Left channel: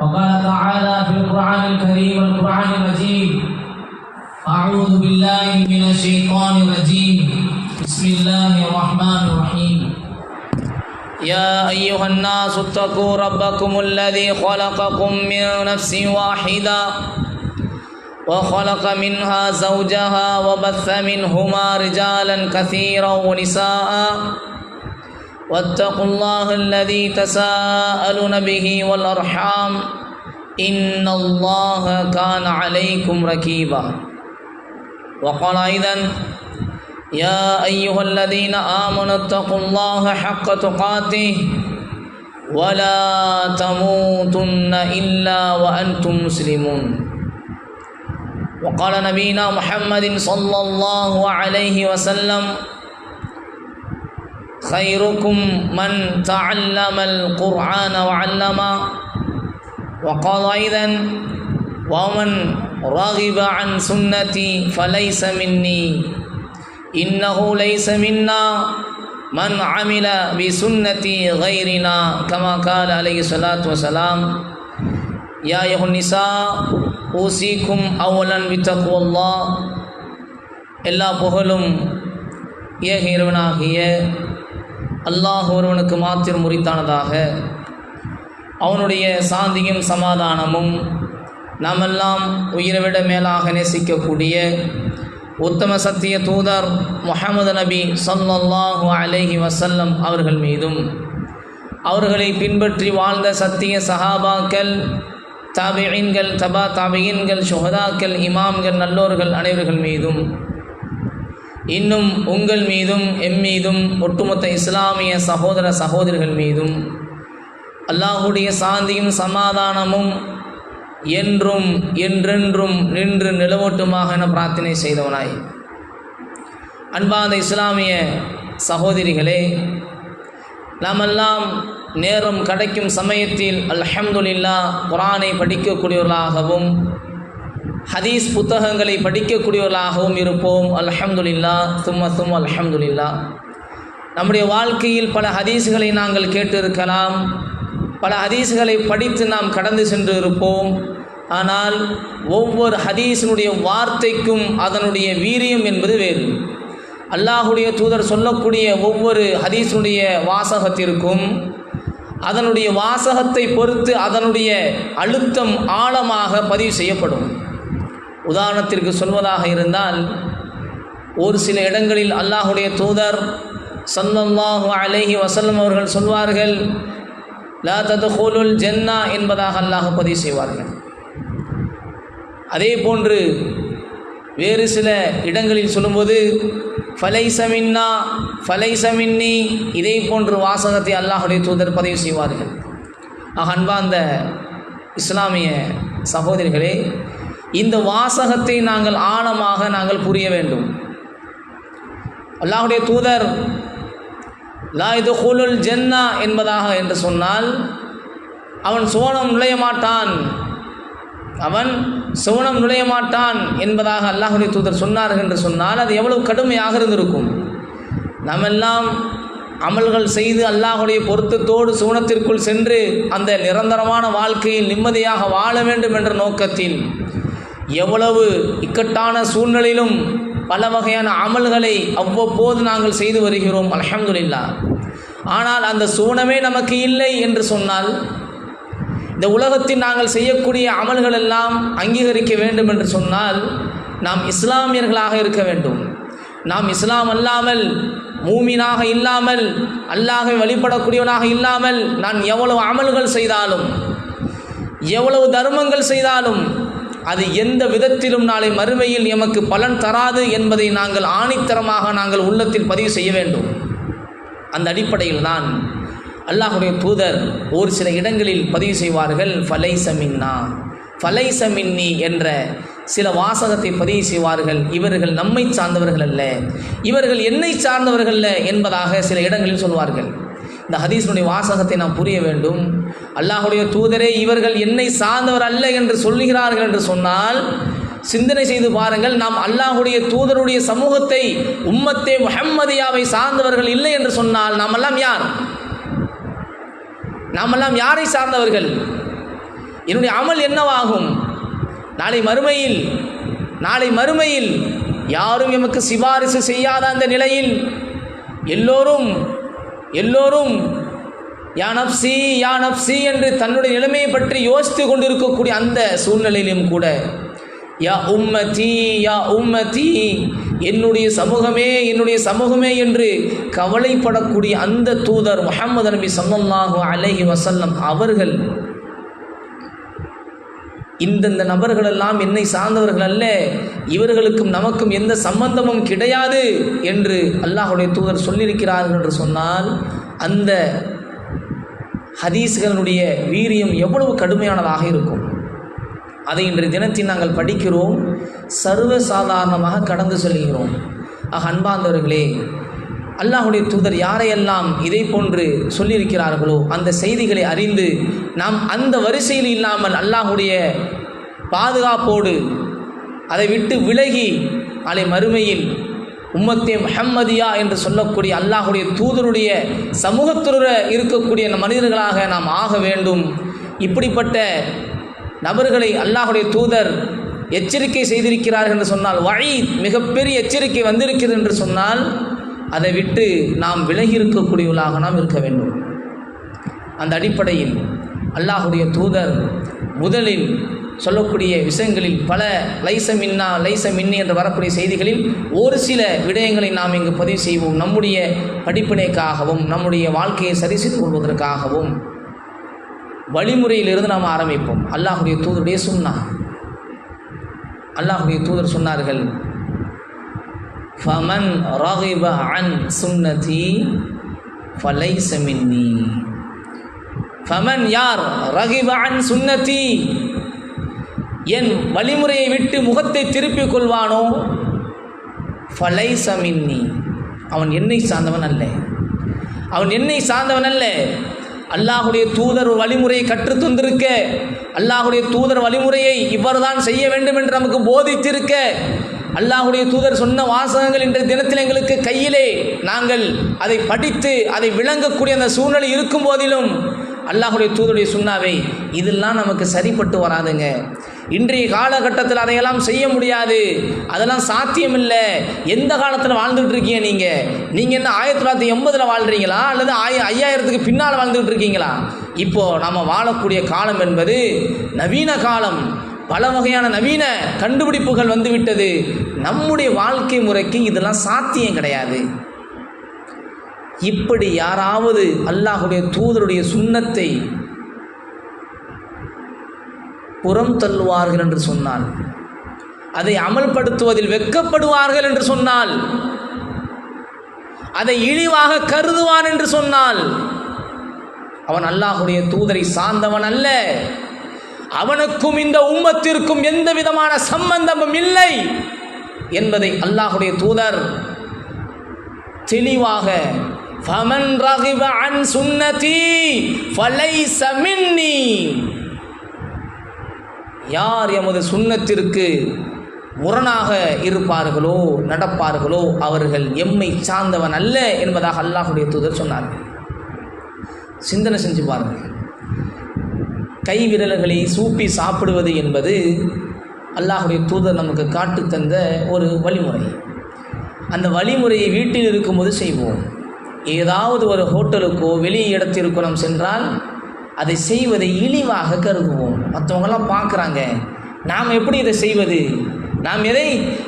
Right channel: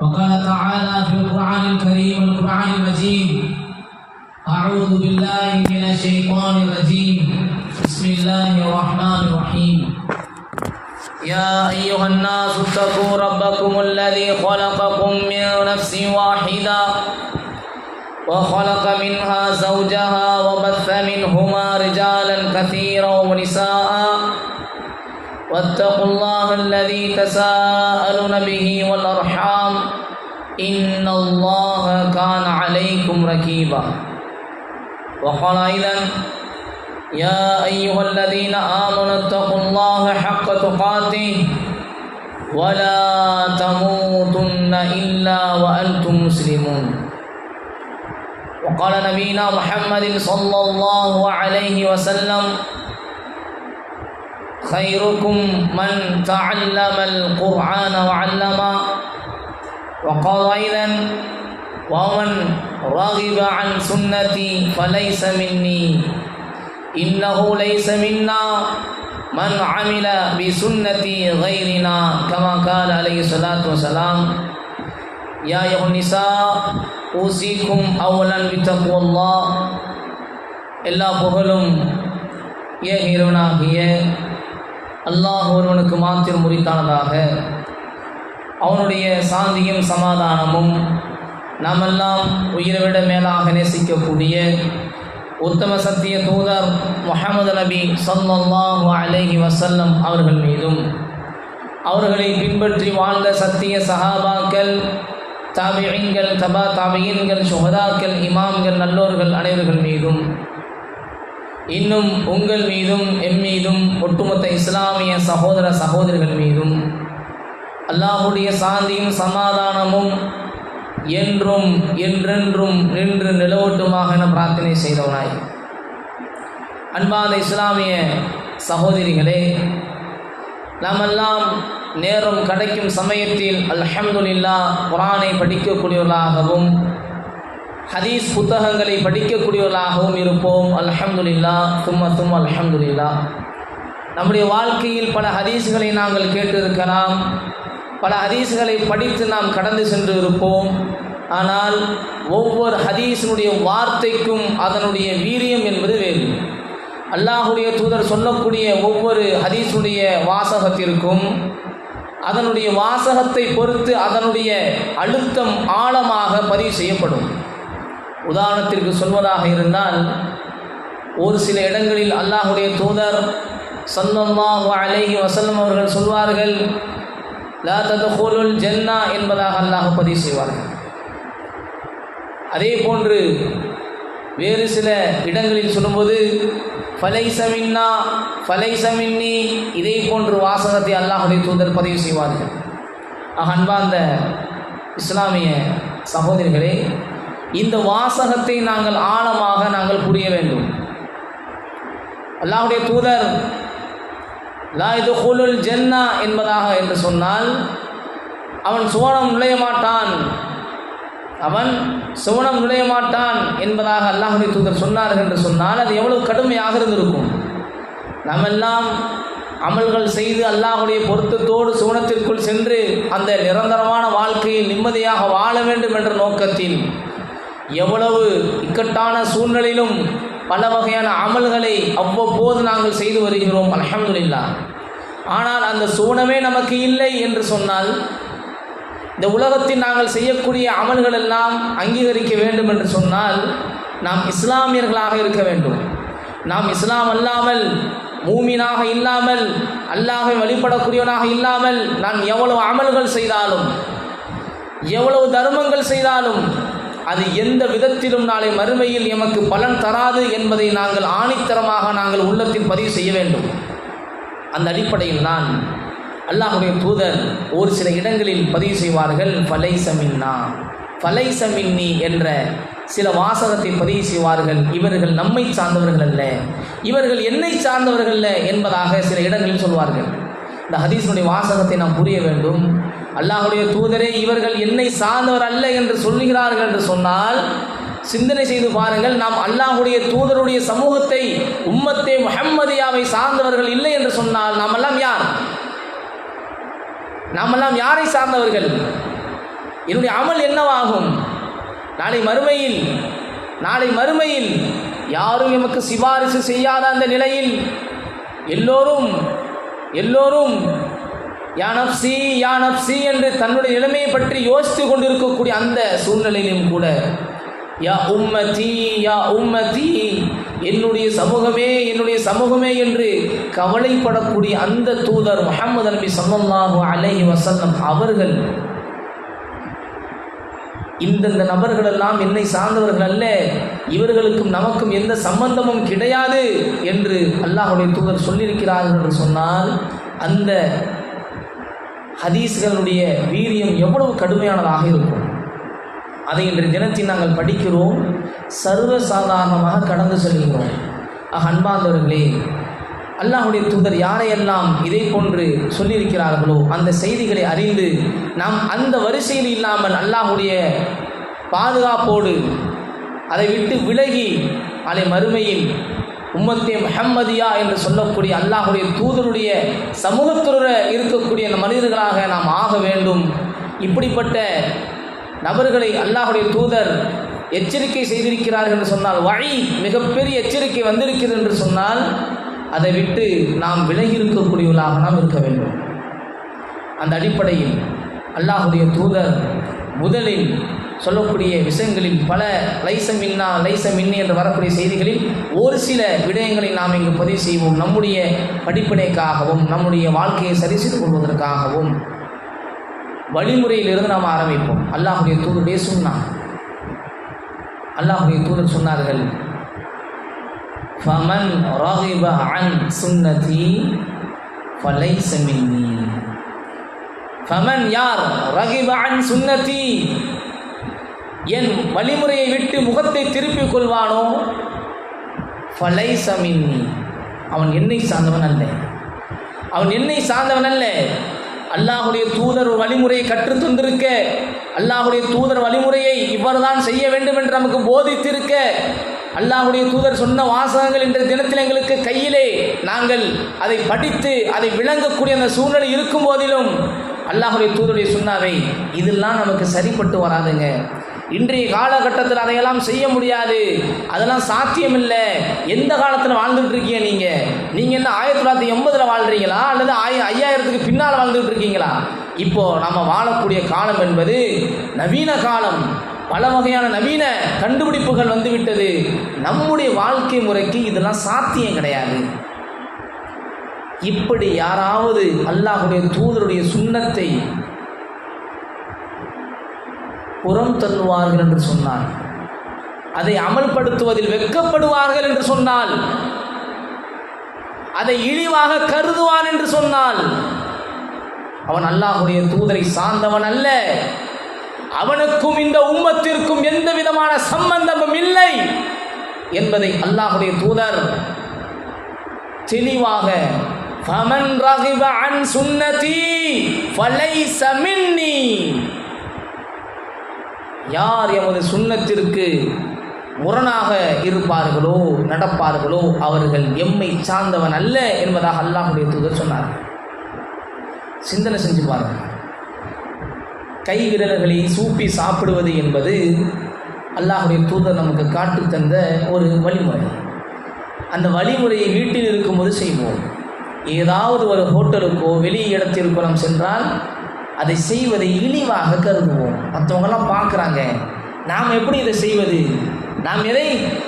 وقال تعالى في القرآن الكريم والقرآن المجيد: أعوذ بالله من الشيطان الرجيم بسم الله الرحمن الرحيم يا أيها الناس اتقوا ربكم الذي خلقكم من نفس واحدة وخلق منها زوجها وبث منهما رجالا كثيرا ونساء واتقوا الله الذي تساءلون به والأرحام إن الله كان عليكم رقيبا. وقال أيضا: يا أيها الذين آمنوا اتقوا الله حق تقاته ولا تموتن إلا وأنتم مسلمون. وقال نبينا محمد صلى الله عليه وسلم: خيركم من تعلم القرآن وعلمه. وقال أيضا: ومن رغب عن سنتي فليس مني إنه ليس منا من عمل بسنتي غيرنا كما قال عليه الصلاة والسلام. يا أيها النساء أوصيكم أولا بتقوى الله. எல்லா புகழும் ஏக இறைவனாகிய அல்லாஹ் ஒருவனுக்கு மாத்திரம் உரித்தானதாக. அவனுடைய சாந்தியும் சமாதானமும் நாமெல்லாம் உயிரை மேலாக நேசிக்கக்கூடிய உத்தம சத்திய தூதர் முஹம்மது நபி ஸல்லல்லாஹு அலைஹி வஸல்லம் அவர்கள் மீதும், அவர்களை பின்பற்றி வாழ்ந்த சத்திய சஹாபாக்கள், தாபிஈன்கள், தபா தாபிஈன்கள், சுஹதாக்கள், இமாம்கள், நல்லோர்கள் அனைவர்கள் மீதும், இன்னும் உங்கள் மீதும் எம் மீதும் ஒட்டுமொத்த இஸ்லாமிய சகோதர சகோதரிகள் மீதும் அல்லாஹுடைய சாந்தியும் சமாதானமும் என்றும் என்றென்றும் நின்று நிலவட்டுமாக என பிரார்த்தனை செய்தவனாய், அன்பாத இஸ்லாமிய சகோதரிகளே, நாமெல்லாம் நேரம் கிடைக்கும் சமயத்தில் அல்ஹம்துலில்லாஹ் குர்ஆனை படிக்கக்கூடியவர்களாகவும் ஹதீஸ் புத்தகங்களை படிக்கக்கூடியவர்களாகவும் இருப்போம். அல்ஹம்துலில்லாஹ் தும்ம அல்ஹம்துலில்லாஹ். நம்முடைய வாழ்க்கையில் பல ஹதீஸ்களை நாங்கள் கேட்டிருக்கலாம், பல ஹதீஸ்களை படித்து நாம் கடந்து சென்று இருப்போம். ஆனால் ஒவ்வொரு ஹதீஸினுடைய வார்த்தைக்கும் அதனுடைய வீரியம் என்பது வேறு. அல்லாஹுடைய தூதர் சொல்லக்கூடிய ஒவ்வொரு ஹதீஸுடைய வாசகத்திற்கும் அதனுடைய வாசகத்தை பொறுத்து அதனுடைய அழுத்தம் ஆழமாக பதிவு செய்யப்படும். உதாரணத்திற்கு சொல்வதாக இருந்தால், ஒரு சில இடங்களில் அல்லாஹுடைய தூதர் ஸல்லல்லாஹு அலைஹி வஸல்லம் அவர்கள் சொல்வார்கள், லா தத்குலுல் ஜன்னா என்பதாக அல்லாஹ் பதிவு செய்வார்கள். அதே போன்று வேறு சில இடங்களில் சொல்லும்போது ஃபலைஸ மின்னா ஃபலைஸ மின்னி, இதே போன்று வாசகத்தை அல்லாஹுடைய தூதர் பதிவு செய்வார்கள். அன்பார்ந்த இஸ்லாமிய சகோதரிகளே, இந்த வாசகத்தை நாங்கள் ஆழமாக நாங்கள் புரிய வேண்டும். அல்லாஹுடைய தூதர் லா யதுகுலுல் ஜன்னா என்பதாக என்று சொன்னால் அவன் சுவனம் நுழைய மாட்டான், அவன் சுவனம் நுழைய மாட்டான் என்பதாக அல்லாஹுடைய தூதர் சொன்னார்கள் என்று சொன்னால் அது எவ்வளவு கடுமையாக இருந்திருக்கும். நாமெல்லாம் அமல்கள் செய்து அல்லாஹுடைய பொருத்தத்தோடு சுவனத்திற்குள் சென்று அந்த நிரந்தரமான வாழ்க்கையில் நிம்மதியாக வாழ வேண்டும் என்ற நோக்கத்தில் எவ்வளவு இக்கட்டான சூழ்நிலையிலும் பல வகையான அமல்களை அவ்வப்போது நாங்கள் செய்து வருகிறோம். அல்ஹம்துலில்லாஹ். ஆனால் அந்த சூனமே நமக்கு இல்லை என்று சொன்னால், இந்த உலகத்தில் நாங்கள் செய்யக்கூடிய அமல்கள் எல்லாம் அங்கீகரிக்க வேண்டும் என்று சொன்னால் நாம் இஸ்லாமியர்களாக இருக்க வேண்டும். நாம் இஸ்லாம் அல்லாமல், மூமினாக இல்லாமல், அல்லாஹ்வை வழிபடக்கூடியவனாக இல்லாமல் நான் எவ்வளவு அமல்கள் செய்தாலும், எவ்வளவு தர்மங்கள் செய்தாலும் அது எந்த விதத்திலும் நாளை மறுமையில் எமக்கு பலன் தராது என்பதை நாங்கள் ஆணித்தரமாக நாங்கள் உள்ளத்தில் பதிவு செய்ய வேண்டும். அந்த அடிப்படையில் தான் அல்லாஹுடைய தூதர் ஒரு சில இடங்களில் பதிவு செய்வார்கள், ஃபலைஸ மின்னா ஃபலைஸ மின்னி என்ற சில வாசகத்தை பதிவு செய்வார்கள். இவர்கள் நம்மை சார்ந்தவர்கள் அல்ல, இவர்கள் என்னை சார்ந்தவர்கள் அல்ல என்பதாக சில இடங்களில் சொல்வார்கள். இந்த ஹதீஸினுடைய வாசகத்தை நாம் புரிய வேண்டும். அல்லாஹுடைய தூதரே இவர்கள் என்னை சார்ந்தவர் அல்ல என்று சொல்லுகிறார்கள் என்று சொன்னால் சிந்தனை செய்து பாருங்கள். நாம் அல்லாஹுடைய தூதருடைய சமூகத்தை, உம்மத்தே முஹம்மதியாவை சார்ந்தவர்கள் இல்லை என்று சொன்னால் நாமெல்லாம் யார்? நாமெல்லாம் யாரை சார்ந்தவர்கள்? என்னுடைய அமல் என்னவாகும்? நாளை மறுமையில் யாரும் எமக்கு சிபாரிசு செய்யாத அந்த நிலையில் எல்லோரும் யா நப்சி என்று தன்னுடைய நிலைமையை பற்றி யோசித்து கொண்டிருக்கக்கூடிய அந்த சூழ்நிலையிலும் கூட யா உம்மதி என்னுடைய சமூகமே என்று கவலைப்படக்கூடிய அந்த தூதர் முஹம்மது நபி ஸல்லல்லாஹு அலைஹி வஸல்லம் அவர்கள் இந்த நபர்கள் எல்லாம் என்னை சார்ந்தவர்கள் அல்ல, இவர்களுக்கும் நமக்கும் எந்த சம்பந்தமும் கிடையாது என்று அல்லாஹ்வுடைய தூதர் சொல்லியிருக்கிறார்கள் என்று சொன்னால் அந்த ஹதீஸ்களுடைய வீரியம் எவ்வளவு கடுமையானதாக இருக்கும். அதை இன்றைய தினத்தில் நாங்கள் படிக்கிறோம், சர்வசாதாரணமாக கடந்து செல்கிறோம். அன்பார்ந்தவர்களே, அல்லாஹ்வுடைய தூதர் யாரையெல்லாம் இதை போன்று சொல்லியிருக்கிறார்களோ அந்த செய்திகளை அறிந்து நாம் அந்த வரிசையில் இல்லாமல் அல்லாஹ்வுடைய பாதுகாப்போடு அதை விட்டு விலகி நாளை மறுமையில் உம்மத்தே முஹம்மதியா என்று சொல்லக்கூடிய அல்லாஹ்வுடைய தூதருடைய சமூகத்துடன் இருக்கக்கூடிய மனிதர்களாக நாம் ஆக வேண்டும். இப்படிப்பட்ட நபர்களை அல்லாஹ்வுடைய தூதர் எச்சரிக்கை செய்திருக்கிறார்கள் என்று சொன்னால், வஈத் மிகப்பெரிய எச்சரிக்கை வந்திருக்கிறது என்று சொன்னால் அதை விட்டு நாம் விலகி இருக்கக்கூடியவர்களாக நாம் இருக்க வேண்டும். அந்த அடிப்படையில் அல்லாஹ்வுடைய தூதர் முதலில் சொல்லக்கூடிய விஷயங்களில் பல லைச மின்னி என்று வரக்கூடிய செய்திகளில் ஒரு சில விடயங்களை நாம் இங்கு பதிவு செய்வோம். நம்முடைய படிப்பினைக்காகவும் நம்முடைய வாழ்க்கையை சரி செய்து கொள்வதற்காகவும் வழிமுறையிலிருந்து நாம் ஆரம்பிப்போம். அல்லாஹ்வுடைய தூதருடைய சுன்னா. அல்லாஹ்வுடைய தூதர் சொன்னார்கள், ஃபமன் ரகிப அன் சுன்னதி ஃபலைஸ மின்னி. ஃபமன் யார் ரகிப அன் சுன்னதி என் வழிமுறையை விட்டு முகத்தை திருப்பிக் கொள்வானோ ஃபலைஸ மின்னி அவன் என்னை சார்ந்தவன் அல்ல. அல்லாஹ்வுடைய தூதர் வழிமுறையை கற்றுத் தந்திருக்க, அல்லாஹ்வுடைய தூதர் வழிமுறையை இவ்வாறுதான் செய்ய வேண்டும் என்று நமக்கு போதித்திருக்க, அல்லாஹ்வுடைய தூதர் சொன்ன வாசகங்கள் இன்றைய தினத்தில் எங்களுக்கு கையிலே நாங்கள் அதை படித்து அதை விளங்கக்கூடிய அந்த சூழ்நிலை இருக்கும் போதிலும் அல்லாஹ்வுடைய தூதருடைய சுன்னாவை இதெல்லாம் நமக்கு சரிப்பட்டு வராதுங்க. இன்றைய காலகட்டத்தில் அதையெல்லாம் செய்ய முடியாது, அதெல்லாம் சாத்தியம் இல்லை. எந்த காலத்தில் வாழ்ந்துட்டு இருக்கீங்க நீங்கள் என்ன 1980 வாழ்கிறீங்களா அல்லது 5000க்கு பின்னால் வாழ்ந்துட்டு இருக்கீங்களா? இப்போது நம்ம வாழக்கூடிய காலம் என்பது நவீன காலம். பல வகையான நவீன கண்டுபிடிப்புகள் வந்துவிட்டது. நம்முடைய வாழ்க்கை முறைக்கு இதெல்லாம் சாத்தியம் கிடையாது. இப்படி யாராவது அல்லாஹ்வுடைய தூதருடைய சுன்னத்தை புறம் தள்ளுவார்கள் என்று சொன்னால், அதை அமல்படுத்துவதில் வெட்கப்படுவார்கள் என்று சொன்னால், அதை இழிவாக கருதுவான் என்று சொன்னால் அவன் அல்லாஹ்வுடைய தூதரை சார்ந்தவன் அல்ல. அவனுக்கும் இந்த உம்மத்திற்கும் எந்த விதமான சம்பந்தமும் இல்லை என்பதை அல்லாஹ்வுடைய தூதர் தெளிவாக ஃபமன் ரகிப அன் சுன்னதி ஃபலைஸ மின்னி, யார் எமது சுன்னத்திற்கு முரணாக இருப்பார்களோ நடப்பார்களோ அவர்கள் எம்மை சார்ந்தவன் அல்ல என்பதாக அல்லாஹ்வுடைய தூதர் சொன்னார். சிந்தனை செஞ்சு பாருங்கள். கை விரல்களை சூப்பி சாப்பிடுவது என்பது அல்லாஹ்வுடைய தூதர் நமக்கு காட்டு தந்த ஒரு வழிமுறை. அந்த வழிமுறையை வீட்டில் இருக்கும்போது செய்வோம். ஏதாவது ஒரு ஹோட்டலுக்கோ வெளி இடத்திற்கோ நாம் சென்றால் அதை செய்வதை இழிவாக கருதுவோம். மற்றவங்களாம் பார்க்குறாங்க, நாம் எப்படி இதை செய்வது,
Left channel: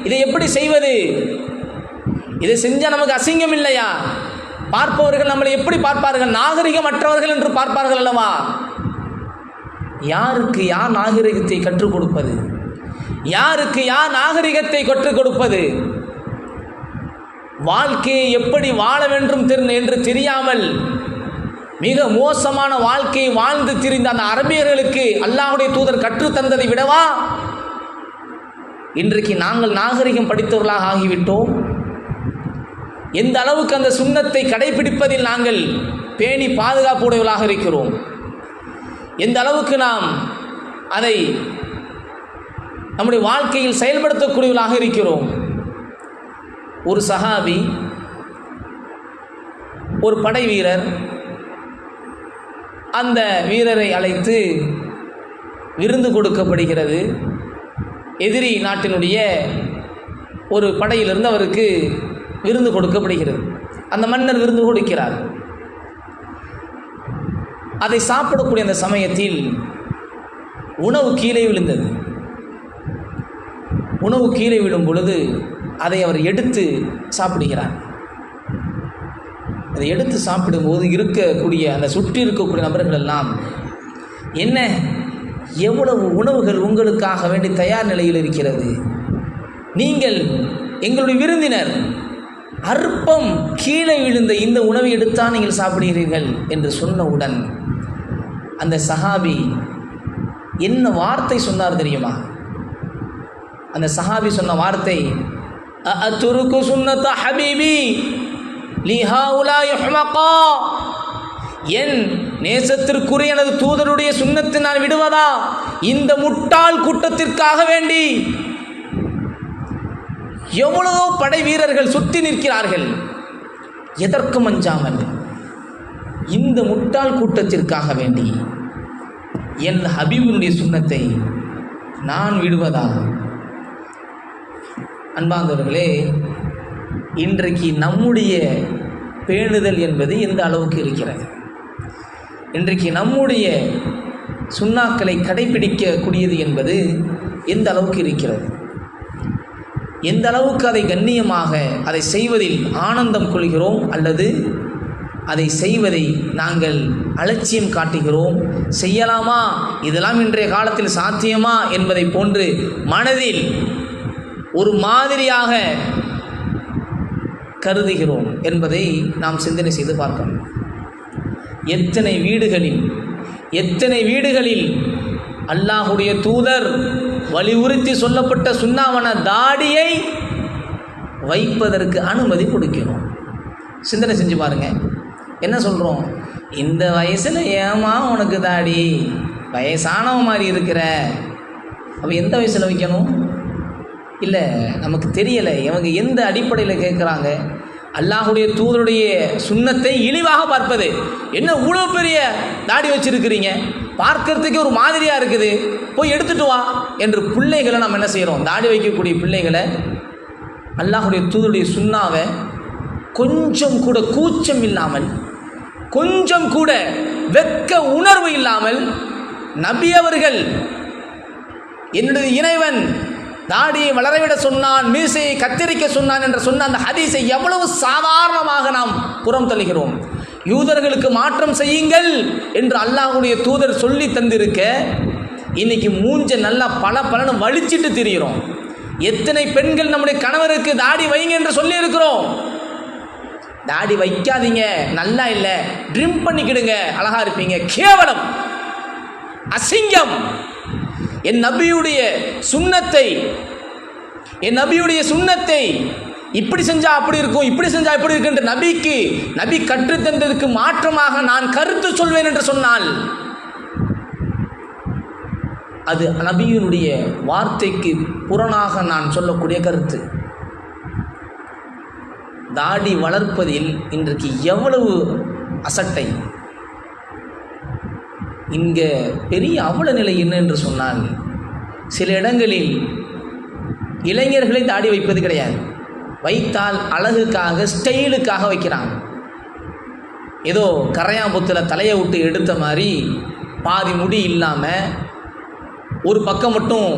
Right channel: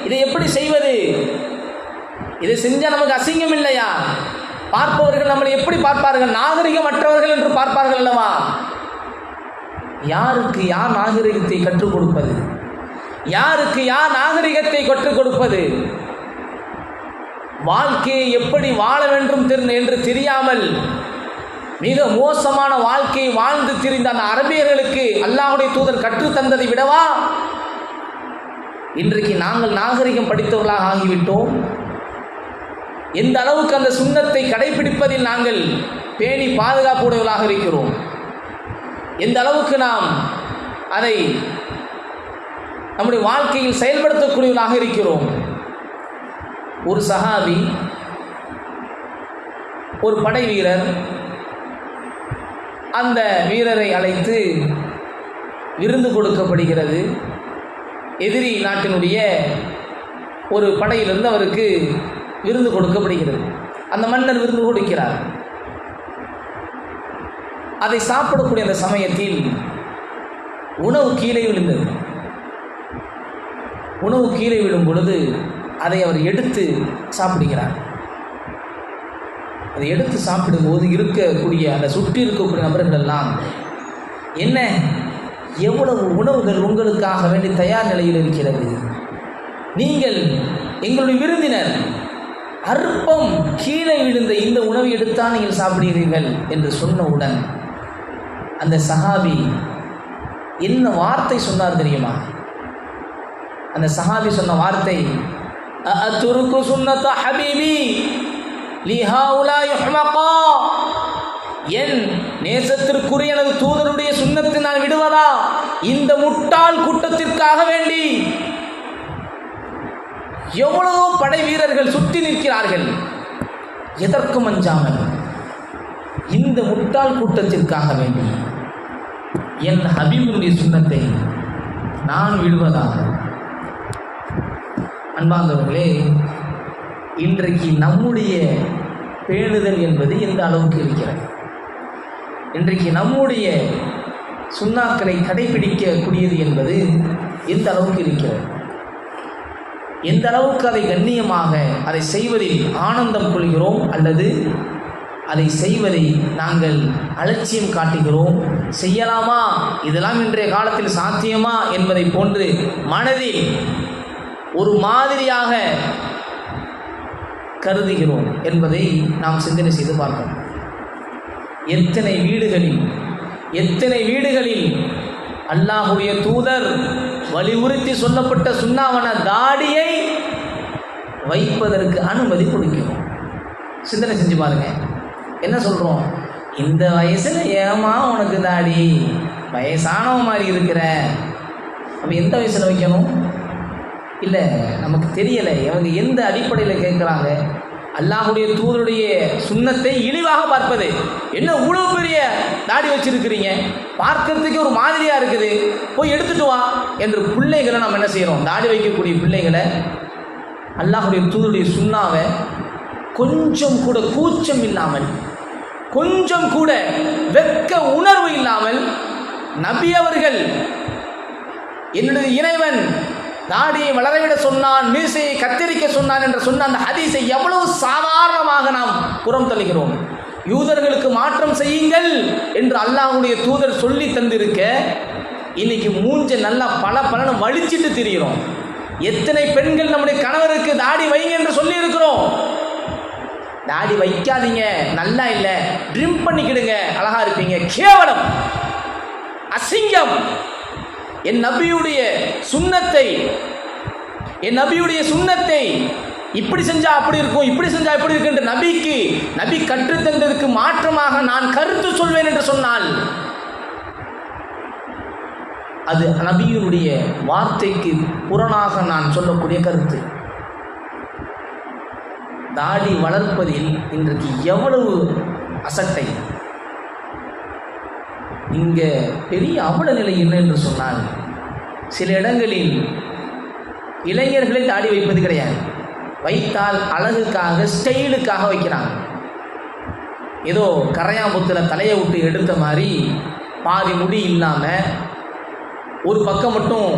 இதை எப்படி செய்வது, இதை செஞ்சால் நமக்கு அசிங்கம் இல்லையா? பார்ப்பவர்கள் நம்மளை எப்படி பார்ப்பார்கள்? நாகரிகமற்றவர்கள் என்று பார்ப்பார்கள் அல்லவா? யாருக்கு யார் நாகரிகத்தை கற்றுக் கொடுப்பது? யாருக்கு யார் நாகரிகத்தை கற்றுக் கொடுப்பது? வாழ்க்கையை எப்படி வாழ வேண்டும் என்று தெரியாமல் மிக மோசமான வாழ்க்கையை வாழ்ந்து திரிந்த அந்த அரபியர்களுக்கு அல்லாஹ்வுடைய தூதர் கற்றுத்தந்ததை விடவா இன்றைக்கு நாங்கள் நாகரிகம் படித்தவர்களாக ஆகிவிட்டோம்? எந்த அளவுக்கு அந்த சுன்னத்தை கடைபிடிப்பதில் நாங்கள் பேணி பாதுகாப்புடையவர்களாக இருக்கிறோம்? எந்த அளவுக்கு நாம் அதை நம்முடைய வாழ்க்கையில் செயல்படுத்தக்கூடியவர்களாக இருக்கிறோம்? ஒரு சஹாபி, ஒரு படை வீரர், அந்த வீரரை அழைத்து விருந்து கொடுக்கப்படுகிறது. எதிரி நாட்டினுடைய ஒரு படையிலிருந்து அவருக்கு விருந்து கொடுக்கப்படுகிறது. அந்த மன்னர் விருந்து கொடுக்கிறார். அதை சாப்பிடக்கூடிய அந்த சமயத்தில் உணவு கீழே விழுந்தது. உணவு கீழே விழும் பொழுது அதை அவர் எடுத்து சாப்பிடுகிறார். அதை எடுத்து சாப்பிடும்போது இருக்கக்கூடிய அந்த சுற்றி இருக்கக்கூடிய நபர்கள் எல்லாம், என்ன எவ்வளவு உணவுகள் உங்களுக்காக வேண்டி தயார் நிலையில் இருக்கிறது, நீங்கள் எங்களுடைய விருந்தினர், அற்பம் கீழே விழுந்த இந்த உணவை எடுத்தான் நீங்கள் சாப்பிடுகிறீர்கள் என்று சொன்னவுடன் அந்த சஹாபி என்ன வார்த்தை சொன்னார் தெரியுமா? அந்த சஹாபி சொன்ன வார்த்தை, அஅதுருக்கு சுன்னத ஹபீபி லிஹாஉலாஇ ஹுமகா, என் நேசத்திற்குரிய எனது தூதருடைய சுன்னத்தை நான் விடுவதா இந்த முட்டாள் கூட்டத்திற்காக வேண்டி? எவ்வளவோ படை வீரர்கள் சுற்றி நிற்கிறார்கள், எதற்கும் அஞ்சாமல் இந்த முட்டாள் கூட்டத்திற்காக வேண்டி என் ஹபீபினுடைய சுன்னத்தை நான் விடுவதாக? அன்பார்ந்தவர்களே, இன்றைக்கு நம்முடைய பேணுதல் என்பது எந்த அளவுக்கு இருக்கிறது? இன்றைக்கு நம்முடைய சுன்னாக்களை கடைபிடிக்கக்கூடியது என்பது எந்த அளவுக்கு இருக்கிறது? எந்த அளவுக்கு அதை கண்ணியமாக அதை செய்வதில் ஆனந்தம் கொள்கிறோம், அல்லது அதை செய்வதை நாங்கள் அலட்சியம் காட்டுகிறோம்? செய்யலாமா, இதெல்லாம் இன்றைய காலத்தில் சாத்தியமா என்பதை போன்று மனதில் ஒரு மாதிரியாக கருதுகிறோம் என்பதை நாம் சிந்தனை செய்து பார்க்கணும். எத்தனை வீடுகளில் அல்லாஹுடைய தூதர் வலியுறுத்தி சொல்லப்பட்ட சுன்னாவான தாடியை வைப்பதற்கு அனுமதி கொடுக்கிறோம். சிந்தனை செஞ்சு பாருங்க. என்ன சொல்கிறோம்? இந்த வயசில் ஏமா உனக்கு தாடி, வயசானவ மாதிரி இருக்கிற. அப்போ எந்த வயசில் வைக்கணும்? இல்லை, நமக்கு தெரியலை இவங்க எந்த அடிப்படையில் கேட்குறாங்க. அல்லாஹுடைய தூதருடைய சுன்னத்தை இழிவாக பார்ப்பது. என்ன இவ்வளோ பெரிய தாடி வச்சிருக்கிறீங்க, பார்க்கறதுக்கு ஒரு மாதிரியாக இருக்குது, போய் எடுத்துட்டு வா என்று பிள்ளைகளை நாம் என்ன செய்கிறோம்? தாடி வைக்கக்கூடிய பிள்ளைகளை அல்லாஹுடைய தூதருடைய சுன்னாவை கொஞ்சம் கூட கூச்சம் இல்லாமல், கொஞ்சம் கூட வெட்க உணர்வு இல்லாமல், நபி அவர்கள் என்னுடைய இறைவன் தாடியை வளரவிட சொன்னான், மீசையை கத்தரிக்க சொன்னான் என்று சொன்ன அந்த ஹதீஸை எவ்வளவு சாதாரணமாக நாம் புறம் தள்ளுகிறோம். யூதர்களுக்கு மாற்றம் செய்யுங்கள் என்று அல்லாஹ்வுடைய தூதர் சொல்லி தந்திருக்க, இன்னைக்கு மூஞ்ச நல்லா பல வலிச்சிட்டு திரிகிறோம். எத்தனை பெண்கள் நம்முடைய கணவருக்கு தாடி வைங்க என்று சொல்லி இருக்கிறோம். தாடி வைக்காதீங்க, நல்லா இல்லை, ட்ரிம் பண்ணிக்கிடுங்க, அழகா இருப்பீங்க. கேவலம், அசிங்கம். என் நபியுடைய சுன்னத்தை இப்படி செஞ்சா அப்படி இருக்கும், இப்படி செஞ்சா இப்படி இருக்கு என்று நபி கற்றுத்தந்ததுக்கு மாற்றமாக நான் கருத்து சொல்வேன் என்று சொன்னால் அது நபியினுடைய வார்த்தைக்கு புறனாக நான் சொல்லக்கூடிய கருத்து. தாடி வளர்ப்பதில் இன்றைக்கு எவ்வளவு அசட்டை! இங்கே பெரிய அவல நிலை என்ன என்று சொன்னால், சில இடங்களில் இளைஞர்களே தாடி வைப்பது கிடையாது. வைத்தால் அழகுக்காக, ஸ்டைலுக்காக வைக்கிறாங்க. ஏதோ கரையாம்புத்தில் தலையை விட்டு எடுத்த மாதிரி பாதி முடி இல்லாமல் ஒரு பக்கம் மட்டும்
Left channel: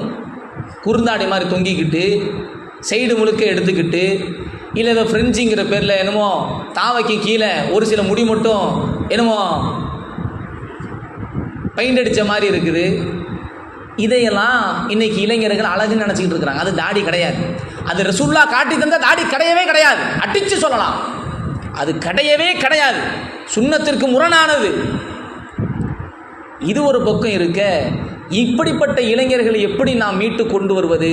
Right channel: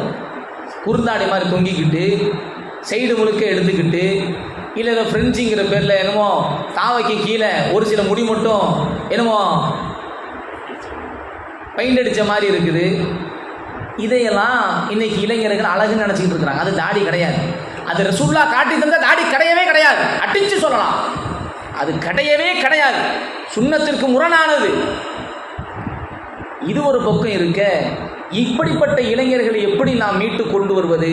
குறுந்தாடி மாதிரி தொங்கிக்கிட்டு சைடு முழுக்க எடுத்துக்கிட்டு, இல்லை ஏதோ ஃப்ரெஞ்சிங்கிற பேரில் என்னமோ தாவைக்கு கீழே ஒரு சில முடி மட்டும் என்னமோ பெயிண்ட் அடித்த மாதிரி இருக்குது. இதையெல்லாம் இன்னைக்கு இளைஞர்கள் அழகுன்னு நினச்சிக்கிட்டு இருக்கிறாங்க. அது தாடி கிடையாது. அது ரசூலுல்லாஹ் காட்டி தந்த தாடி கிடையவே கிடையாது. அடித்து சொல்லலாம், அது கிடையவே கிடையாது. சுன்னத்திற்கு முரணானது. இது ஒரு பக்கம் இருக்க, இப்படிப்பட்ட இளைஞர்களை எப்படி நாம் மீட்டு கொண்டு வருவது,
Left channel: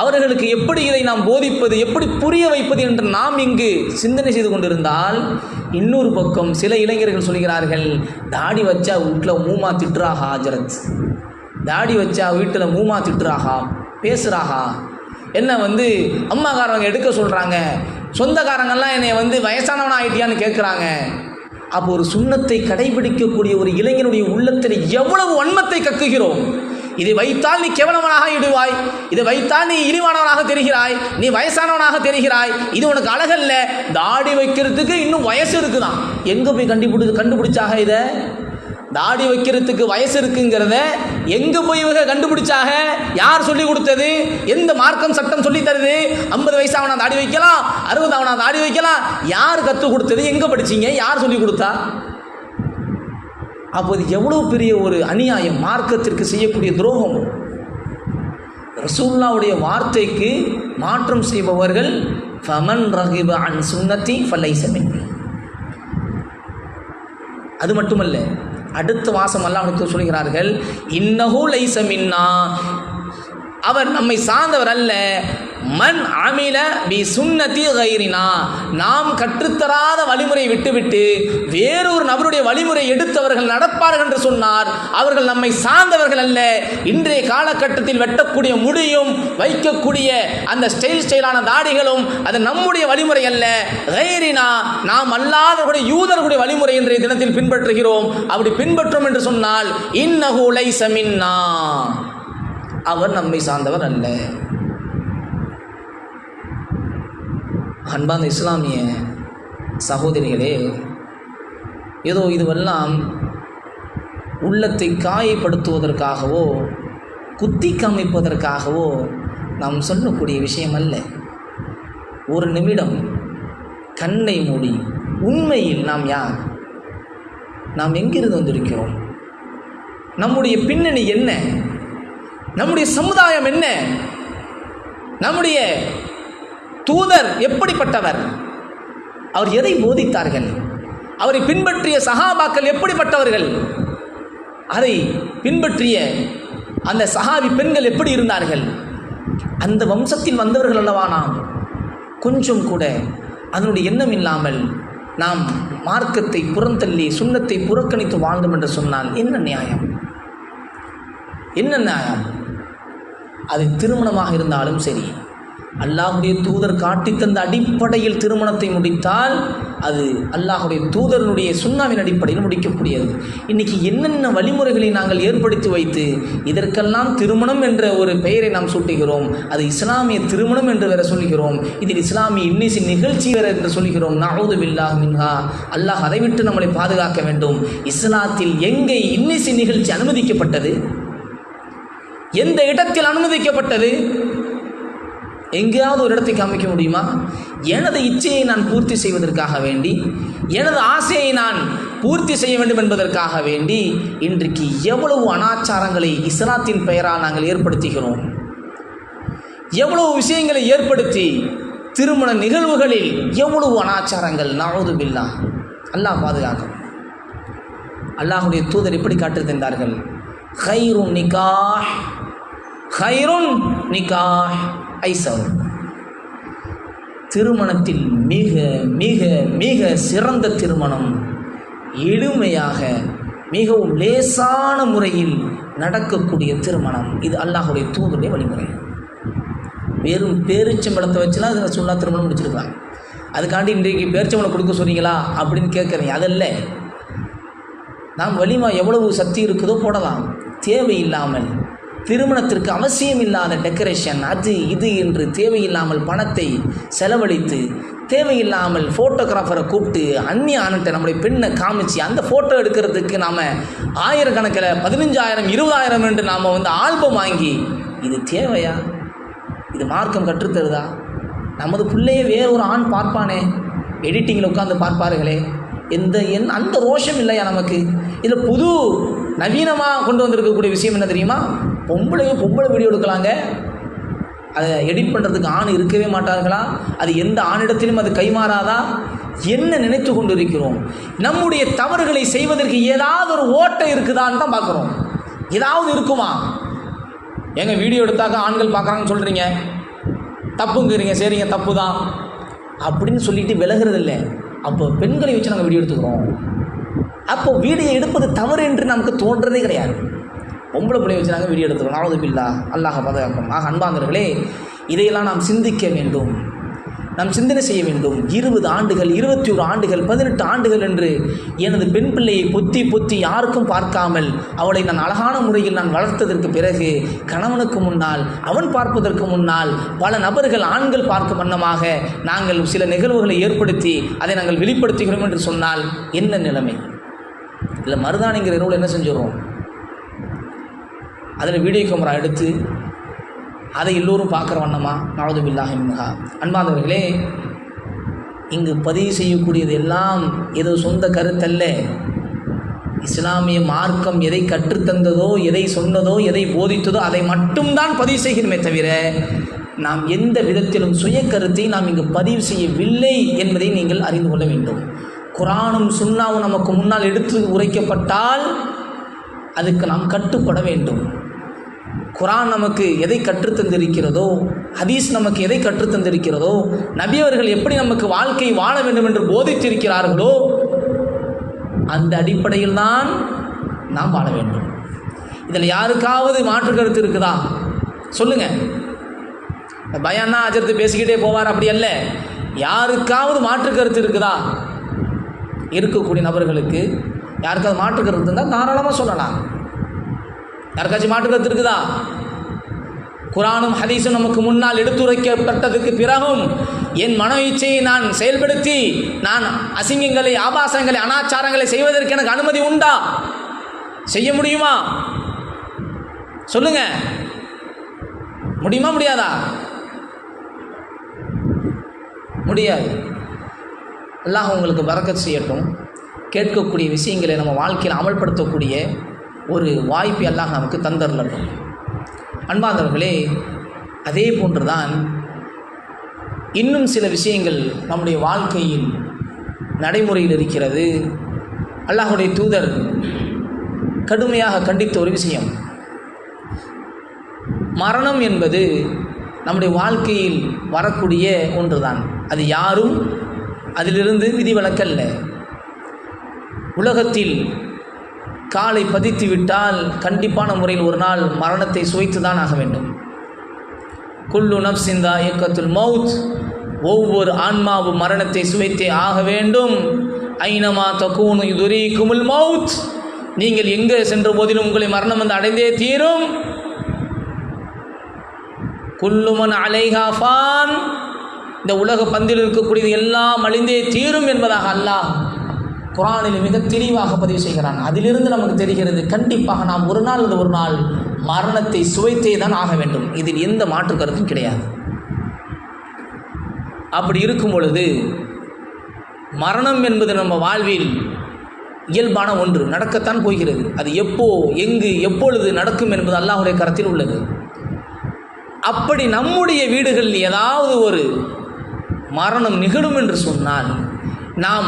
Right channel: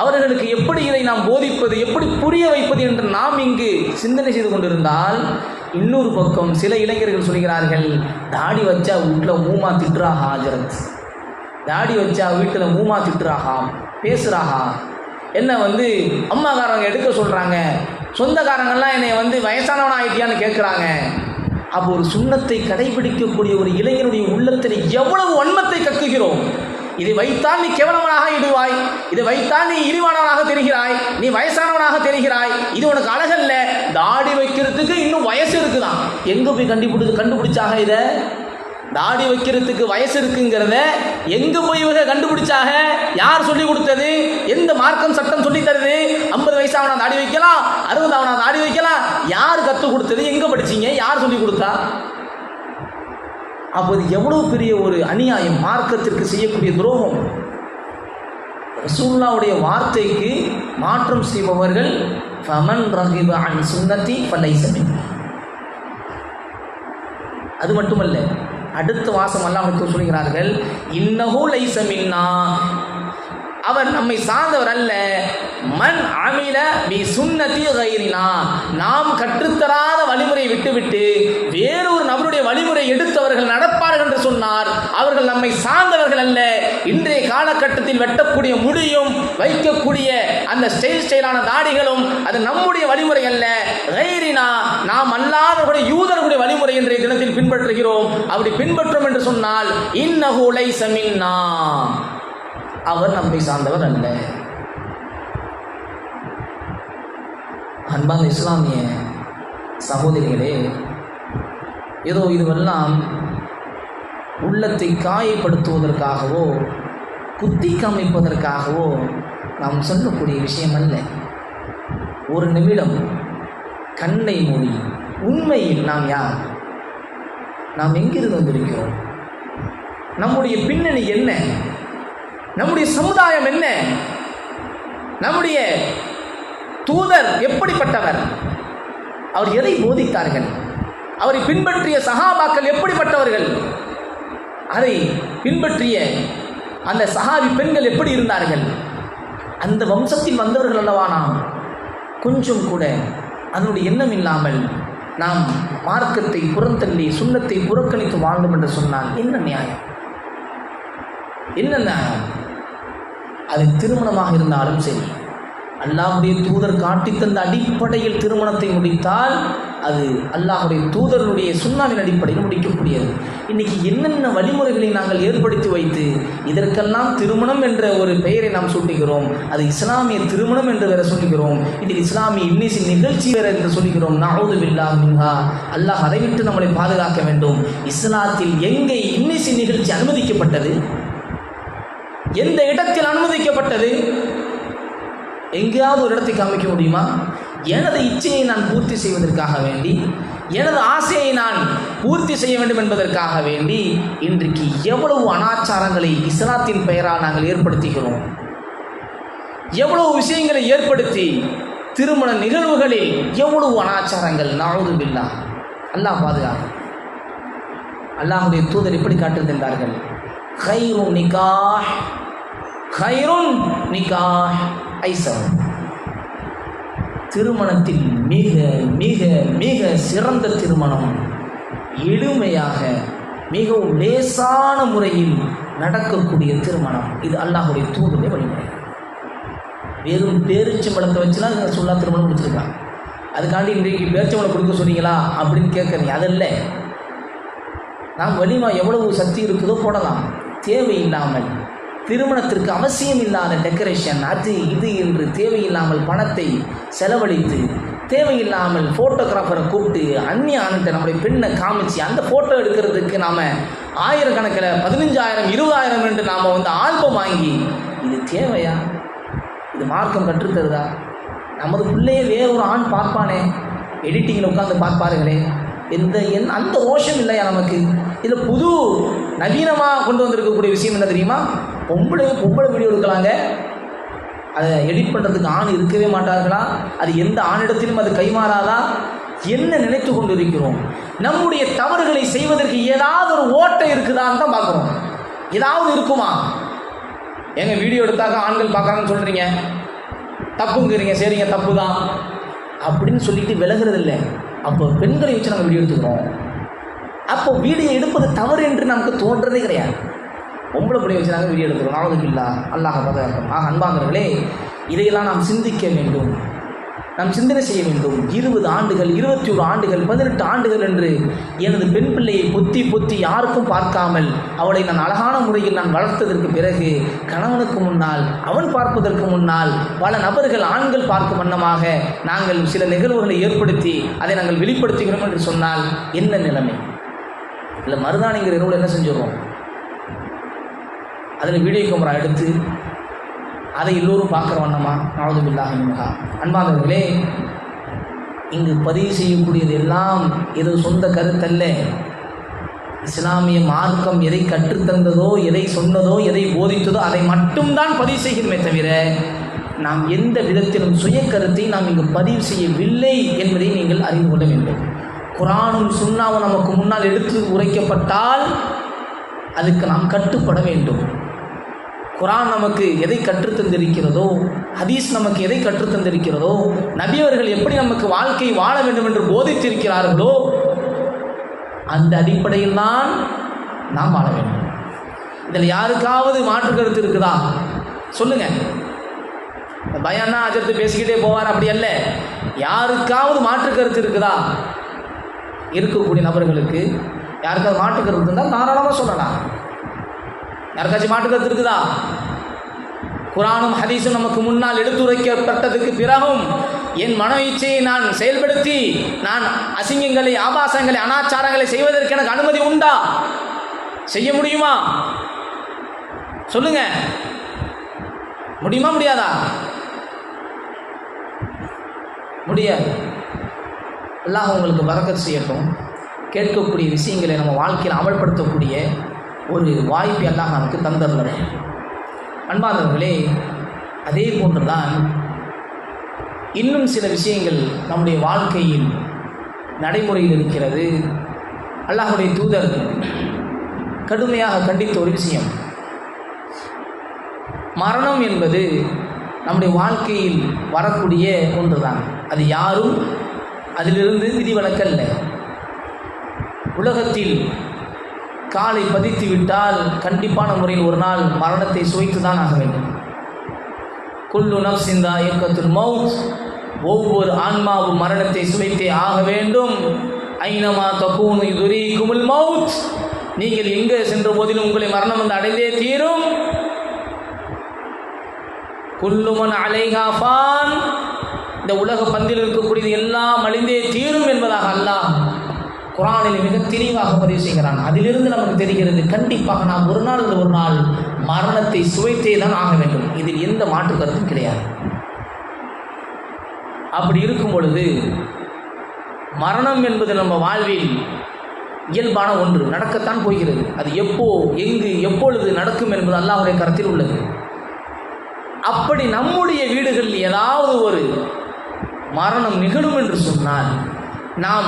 அவர்களுக்கு எப்படி இதை நாம் போதிப்பது, எப்படி புரிய வைப்பது என்று நாம் இங்கு சிந்தனை செய்து கொண்டிருந்தால், இன்னொரு பக்கம் சில இளைஞர்கள் சொல்கிறார்கள், தாடி வச்சா வீட்டில் மூமா திட்டுறாகா ஹஜரத், தாடி வச்சா வீட்டில் மூமா திட்டுறாகா, பேசுகிறாகா, என்ன அம்மாக்காரங்க எடுக்க சொல்கிறாங்க, சொந்தக்காரங்கெல்லாம் என்னை வயசானவன் ஆகிட்டியான்னு கேட்குறாங்க. அப்போ ஒரு சுன்னத்தை கடைபிடிக்கக்கூடிய ஒரு இளைஞனுடைய உள்ளத்தில் எவ்வளவு வன்மத்தை கக்குகிறோம், இதை வைத்தால் நீ கேவலவனாக இடுவாய், இதை வைத்தால் நீ இழிவானவனாக தெரிகிறாய், நீ வயசானவனாக தெரிகிறாய், இது உனக்கு அழகல்ல. தாடி வைக்கிறதுக்கு இன்னும் வயசு இருக்குதான். எங்கே போய் கண்டுபிடிச்சாக? இதை தாடி வைக்கிறதுக்கு வயசு இருக்குங்கிறத எங்கே போய் இவங்க கண்டுபிடிச்சாக? யார் சொல்லி கொடுத்தது? எந்த மார்க்கம் சட்டம் சொல்லி தருது? 50 வயசாவனா தாடி வைக்கலாம், 60 ஆவனா தாடி வைக்கலாம்? யார் கற்றுக் கொடுத்தது? எங்கே படிச்சீங்க? யார் சொல்லி கொடுத்தா? அப்போது எவ்வளவு பெரிய ஒரு அநியாயம், மார்க்கத்திற்கு செய்யக்கூடிய துரோகம். ரசூலுல்லாஹ்வுடைய வார்த்தைக்கு மாற்றம் செய்பவர்கள் ஃபமன் ரகிப அன் சுன்னதி ஃபலைஸ மின்னி. அது மட்டுமல்ல, அடுத்த வாசம் அல்லாஹ் சொல்கிறார்கள், இன்னஹு லைஸ மின்னா, அவர் நம்மை சார்ந்தவர் அல்ல. மன் அமில பி சுன்னதி கைரினா, நாம் கற்றுத்தராத வழிமுறையை விட்டுவிட்டு வேறொரு நபருடைய வழிமுறை எடுத்தவர்கள் நடப்பார்கள் என்று சொன்னார். அவர்கள் நம்மை சார்ந்தவர்கள் அல்ல. இன்றைய காலகட்டத்தில் வெட்டக்கூடிய முடியும், வைக்கக்கூடிய அந்த ஸ்டைலான தாடிகளும் அது நம்முடைய வழிமுறை அல்ல. கைரினா, நாம் அல்லாதவர்களுடைய யூதர்களுடைய வழிமுறை இன்றைய தினத்தில் பின்பற்றுகிறோம். அப்படி பின்பற்றும் என்று சொன்னால் இன்னஹு லைஸ மின்னா, அவர் நம்மை சார்ந்தவர் அல்ல. அன்பான இஸ்லாமிய சகோதரிகளே, ஏதோ இதுவெல்லாம் உள்ளத்தை காயப்படுத்துவதற்காகவோ குத்தி காமிப்பதற்காகவோ நாம் சொல்லக்கூடிய விஷயம் அல்ல. ஒரு நிமிடம் கண்ணை மூடி உண்மையில் நாம் யார், நாம் எங்கிருந்து வந்திருக்கிறோம், நம்முடைய பின்னணி என்ன, நம்முடைய சமுதாயம் என்ன, நம்முடைய தூதர் எப்படிப்பட்டவர், அவர் எதை போதித்தார்கள், அவரை பின்பற்றிய சஹாபாக்கள் எப்படிப்பட்டவர்கள், அதை பின்பற்றிய அந்த சஹாபி பெண்கள் எப்படி இருந்தார்கள், அந்த வம்சத்தில் வந்தவர்கள் அல்லவா நாம். கொஞ்சம் கூட அதனுடைய எண்ணம் இல்லாமல் நாம் மார்க்கத்தை புறந்தள்ளி சுன்னத்தை புறக்கணித்து வாழ்ந்தோம் என்று சொன்னால் என்ன நியாயம்? என்ன நியாயம்? அது திருமணமாக இருந்தாலும் சரி, அல்லாஹுடைய தூதர் காட்டித்தந்த அடிப்படையில் திருமணத்தை முடித்தால் அது அல்லாஹுடைய தூதருடைய சுன்னாவின் அடிப்படையில் முடிக்கக்கூடியது. இன்றைக்கி என்னென்ன வழிமுறைகளை நாங்கள் ஏற்படுத்தி வைத்து இதற்கெல்லாம் திருமணம் என்ற ஒரு பெயரை நாம் சூட்டுகிறோம். அது இஸ்லாமிய திருமணம் என்று வேற சொல்கிறோம். இதில் இஸ்லாமிய இன்னிசை நிகழ்ச்சி வேற என்று சொல்கிறோம். நஊது பில்லாஹ் மின்ஹா. அல்லாஹ் அதை விட்டு நம்மளை பாதுகாக்க வேண்டும். இஸ்லாத்தில் எங்கே இன்னிசை நிகழ்ச்சி அனுமதிக்கப்பட்டது? எந்த இடத்தில் அனுமதிக்கப்பட்டது? எங்கேயாவது ஒரு இடத்தை காமிக்க முடியுமா? எனது இச்சையை நான் பூர்த்தி செய்வதற்காக வேண்டி, எனது ஆசையை நான் பூர்த்தி செய்ய வேண்டும் என்பதற்காக வேண்டி இன்றைக்கு எவ்வளவு அனாச்சாரங்களை இஸ்லாத்தின் பெயரால் நாங்கள் ஏற்படுத்துகிறோம். எவ்வளவு விஷயங்களை ஏற்படுத்தி திருமண நிகழ்வுகளில் எவ்வளவு அனாச்சாரங்கள். நஊது பில்லாஹ். அல்லாஹ் பாதுகாக்கும். அல்லாஹுடைய தூதர் எப்படி காட்டு தந்தார்கள்? கைருன் நிகாஹ், கைருன் நிகாஹ் ஐசர். திருமணத்தில் மிக மிக மிக சிறந்த திருமணம் எளிமையாக மிகவும் லேசான முறையில் நடக்கக்கூடிய திருமணம். இது அல்லாஹுடைய தூதருடைய வழிமுறை. வெறும் பேரிச்சம்பழத்தை வச்சுலாம் இதை சொல்லா திருமணம் முடிச்சிருக்காங்க. அதுக்காண்டி இன்றைக்கு பேரிச்சம்பழம் கொடுக்க சொன்னீங்களா அப்படின்னு கேட்குறீங்க. அதல்ல. நாம் வலிமா எவ்வளவு சக்தி இருக்குதோ போடலாம். தேவையில்லாமல் திருமணத்திற்கு அவசியம் இல்லாத டெக்கரேஷன் அது இது என்று தேவையில்லாமல் பணத்தை செலவழித்து தேவையில்லாமல் ஃபோட்டோகிராஃபரை கூப்பிட்டு அந்நிய ஆணுகிட்ட நம்முடைய பெண்ணை காமிச்சு அந்த ஃபோட்டோ எடுக்கிறதுக்கு நாம் ஆயிரக்கணக்கில் 15,000 20,000 என்று நாம் ஆல்பம் வாங்கி, இது தேவையா? இது மார்க்கம் கற்றுத்தருதா? நமது பிள்ளையே வேறொரு ஆண் பார்ப்பானே, எடிட்டிங்கில் உட்காந்து பார்ப்பாருங்களே, அந்த ரோஷம் இல்லையா நமக்கு? இதில் புது நவீனமாக கொண்டு வந்திருக்கக்கூடிய விஷயம் என்ன தெரியுமா? பொம்பளை வீடியோ எடுக்கலாங்க. அதை எடிட் பண்ணுறதுக்கு ஆண் இருக்கவே மாட்டார்களா? அது எந்த ஆணிடத்திலும் அது கைமாறாதா? என்ன நினைத்து கொண்டு இருக்கிறோம்? நம்முடைய தவறுகளை செய்வதற்கு ஏதாவது ஒரு ஓட்டை இருக்குதான்னு தான் பார்க்குறோம். ஏதாவது இருக்குமா? எங்கள் வீடியோ எடுத்தாக்க ஆண்கள் பார்க்குறாங்கன்னு சொல்கிறீங்க, தப்புங்கிறீங்க. சரிங்க, தப்பு தான் அப்படின்னு சொல்லிட்டு விலகிறது இல்லை. அப்போ பெண்களை வச்சு நாங்கள் வீடியோ எடுத்துக்கிறோம். அப்போ வீடியோ எடுப்பது தவறு என்று நமக்கு தோன்றதே கிடையாது. பொம்பளை பிள்ளைய வச்சு நாங்கள் வீடியோ எடுத்துக்கிறோம். நஊது பில்லாஹ். அல்லாஹ் பாதுகாக்கும். அன்பானவர்களே, இதையெல்லாம் நாம் சிந்திக்க வேண்டும். நாம் சிந்தனை செய்ய வேண்டும். 20 ஆண்டுகள், 21 ஆண்டுகள், 18 ஆண்டுகள் என்று எனது பெண் பிள்ளையை பொத்தி யாருக்கும் பார்க்காமல் அவளை நான் அழகான முறையில் நான் வளர்த்ததற்கு பிறகு கணவனுக்கு முன்னால், அவன் பார்ப்பதற்கு முன்னால் பல நபர்கள், ஆண்கள் பார்க்கும் வண்ணமாக நாங்கள் சில நிகழ்வுகளை ஏற்படுத்தி அதை நாங்கள் வெளிப்படுத்துகிறோம் என்று சொன்னால் என்ன நிலைமை? இல்லை மருதானிங்கிற இரவில் என்ன செஞ்சிடுவோம்? அதில் வீடியோ கேமரா எடுத்து அதை எல்லோரும் பார்க்குற வண்ணமா? நஅூது பில்லாஹி மின்ஹா. அன்பானவர்களே, இங்கு பதிவு செய்யக்கூடியது எல்லாம் ஏதோ சொந்த கருத்தல்ல. இஸ்லாமிய மார்க்கம் எதை கற்றுத்தந்ததோ, எதை சொன்னதோ, எதை போதித்ததோ அதை மட்டும்தான் பதிவு செய்கிறோமே தவிர நாம் எந்த விதத்திலும் சுய கருத்தை நாம் இங்கு பதிவு செய்யவில்லை என்பதை நீங்கள் அறிந்து கொள்ள வேண்டும். குர்ஆனும் சுன்னாவும் நமக்கு முன்னால் எடுத்து உரைக்கப்பட்டால் அதுக்கு நாம் கட்டுப்பட வேண்டும். குர்ஆன் நமக்கு எதை கற்றுத்தந்திருக்கிறதோ, ஹதீஸ் நமக்கு எதை கற்றுத்தந்திருக்கிறதோ, நபியவர்கள் எப்படி நமக்கு வாழ்க்கை வாழ வேண்டும் என்று போதித்திருக்கிறார்களோ அந்த அடிப்படையில் தான் நாம் வாழ வேண்டும். இதில் யாருக்காவது மாற்று கருத்து இருக்குதா? சொல்லுங்க. பயானா அஜர்த்து பேசிக்கிட்டே போவார், அப்படி அல்ல. யாருக்காவது மாற்று கருத்து இருக்குதா? இருக்கக்கூடிய நபர்களுக்கு யாருக்காவது மாற்று கருத்து இருந்தால் தாராளமாக சொல்லலாம். யாருக்காச்சும் மாற்று கருத்து இருக்குதா? குர்ஆனும் ஹதீஸும் நமக்கு முன்னால் எடுத்துரைக்கப்பட்டதுக்கு பிறகும் என் மன இச்சையை நான் செயல்படுத்தி நான் அசிங்கங்களை, ஆபாசங்களை, அனாச்சாரங்களை செய்வதற்கு எனக்கு அனுமதி உண்டா? செய்ய முடியுமா? சொல்லுங்க. முடியுமா முடியாதா? முடியாது. அல்லாஹ் உங்களுக்கு பரக்கத் செய்யட்டும். கேட்கக்கூடிய விஷயங்களை நம்ம வாழ்க்கையில் அமல்படுத்தக்கூடிய ஒரு வாய்ப்பை அல்லாஹ் நமக்கு தந்தரலாம். அன்பார்ந்தவர்களே, அதே போன்றுதான் இன்னும் சில விஷயங்கள் நம்முடைய வாழ்க்கையில் நடைமுறையில் இருக்கிறது. அல்லாஹ்வுடைய தூதர் கடுமையாக கண்டித்த ஒரு விஷயம், மரணம் என்பது நம்முடைய வாழ்க்கையில் வரக்கூடிய ஒன்றுதான். அது யாரும் அதிலிருந்து விதிவிலக்கல்ல. உலகத்தில் காலை பதித்து விட்டால் கண்டிப்பான முறையில் ஒரு நாள் மரணத்தை சுவைத்து தான் ஆக வேண்டும். குல்லு நஃப்ஸின் தாயிகத்துல் மௌத், ஒவ்வொரு ஆன்மாவும் மரணத்தை சுவைத்தே ஆக வேண்டும். ஐனமா தகூனு யுதரீகுமுல் மௌத், நீங்கள் எங்கே சென்ற போதிலும் உங்களை மரணம் வந்து அடைந்தே தீரும். குல்லு மன் அலைஹா ஃபான், இந்த உலக பந்தில் இருக்கக்கூடியது எல்லாம் அழிந்தே தீரும் என்பதாக அல்லாஹ் குர்ஆனில் மிக தெளிவாக பதிவு செய்கிறான். அதிலிருந்து நமக்கு தெரிகிறது, கண்டிப்பாக நாம் ஒரு நாள் ஒரு நாள் மரணத்தை சுவைத்தே தான் ஆக வேண்டும். இதில் எந்த மாற்று கருத்தும் கிடையாது. அப்படி இருக்கும் பொழுது மரணம் என்பது நம்ம வாழ்வில் இயல்பான ஒன்று, நடக்கத்தான் போகிறது. அது எப்போ, எங்கு, எப்பொழுது நடக்கும் என்பது அல்லாஹ்வுடைய கரத்தில் உள்ளது. அப்படி நம்முடைய வீடுகளில் ஏதாவது ஒரு மரணம் நிகழும் என்று சொன்னால் நாம்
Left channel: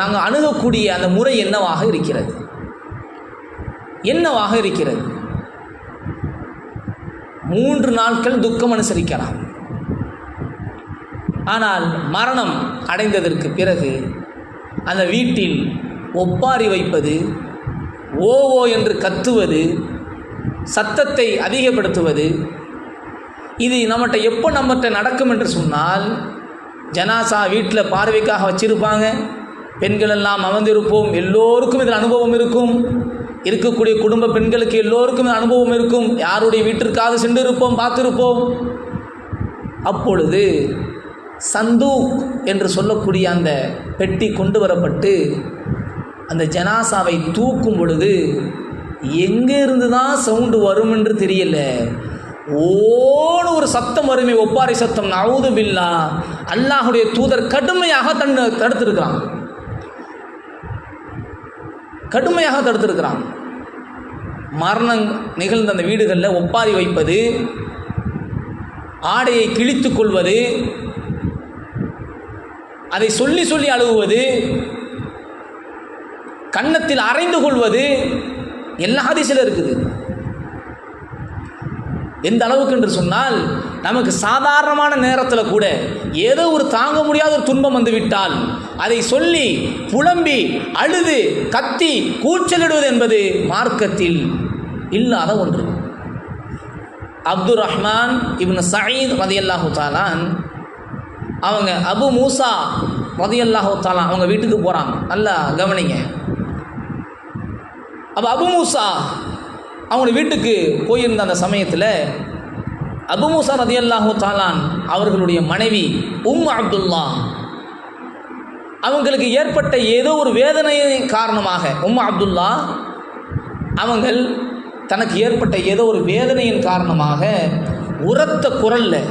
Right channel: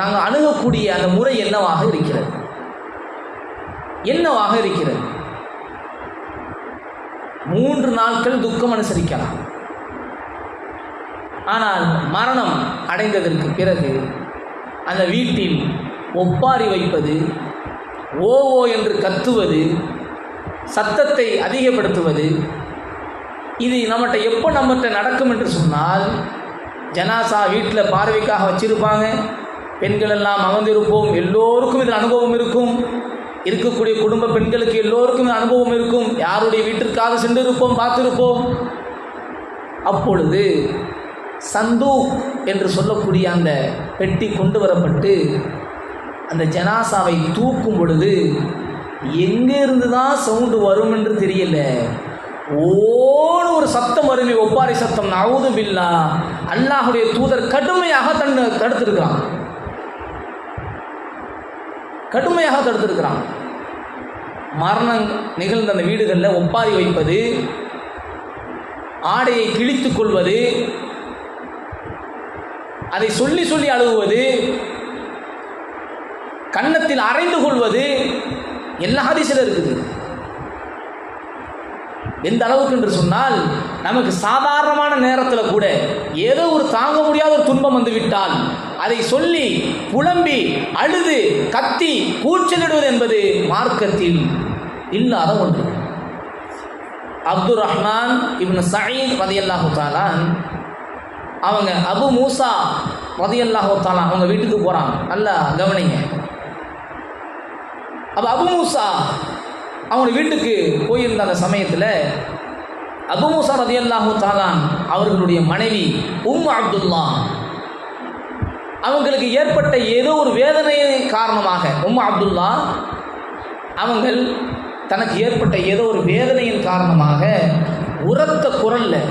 நாங்கள் அணுகக்கூடிய அந்த முறை என்னவாக இருக்கிறது? என்னவாக இருக்கிறது? 3 நாட்கள் துக்கம் அனுசரிக்கலாம். ஆனால் மரணம் அடைந்ததற்கு பிறகு அந்த வீட்டில் ஒப்பாரி வைப்பது, ஓ ஓ என்று கத்துவது, சத்தத்தை அதிகப்படுத்துவது, இது நம்மகிட்ட நடக்கும் என்று சொன்னால், ஜனாசா வீட்டில் பார்வைக்காக வச்சிருப்பாங்க, பெண்கள் எல்லாம் அமர்ந்திருப்போம், எல்லோருக்கும் இதில் அனுபவம் இருக்கும். இருக்கக்கூடிய குடும்ப பெண்களுக்கு எல்லோருக்கும் இது அனுபவம் இருக்கும். யாருடைய வீட்டிற்காக சென்றிருப்போம், பார்த்திருப்போம். அப்பொழுது சந்தூக் என்று சொல்லக்கூடிய அந்த பெட்டி கொண்டு வரப்பட்டு அந்த ஜனாசாவை தூக்கும் பொழுது எங்கே இருந்து தான் சவுண்டு வரும் என்று தெரியல, ஓடு ஒரு சத்தம் வருமே, ஒப்பாரி சத்தம். நஅூது பில்லாஹ். அல்லாஹ்வுடைய தூதர் கடுமையாக தடுத்திருக்கிறான். மரணம் நிகழ்ந்த அந்த வீடுகளில் ஒப்பாரி வைப்பது, ஆடையை கிழித்துக் கொள்வது, அதை சொல்லி சொல்லி அழுகுவது, கன்னத்தில் அறைந்து கொள்வது, எல்லா ஹதீஸில் இருக்குது. எந்த அளவுக்கு என்று சொன்னால், நமக்கு சாதாரணமான நேரத்தில் கூட ஏதோ ஒரு தாங்க முடியாத ஒரு துன்பம் வந்துவிட்டால் அதை சொல்லி புலம்பி அழுது கத்தி கூச்சலிடுவது என்பது மார்க்கத்தில் இல்லாத ஒன்று. அப்துர் ரஹ்மான் இப்னு சயீத் ரலியல்லாஹு தஆலா அவங்க அபு மூசா ரலியல்லாஹு தஆலா அவங்க வீட்டுக்கு போகிறாங்க. நல்லா கவனிங்க. அப்போ அபு மூசா அவங்க வீட்டுக்கு போயிருந்த அந்த சமயத்தில் அபு மூசா ரலியல்லாஹு தஆலா அவர்களுடைய மனைவி அப்துல்லா அவங்களுக்கு ஏற்பட்ட ஏதோ ஒரு வேதனையின் காரணமாக அப்துல்லா அவங்கள் தனக்கு ஏற்பட்ட ஏதோ ஒரு வேதனையின் காரணமாக உரத்த குரலில்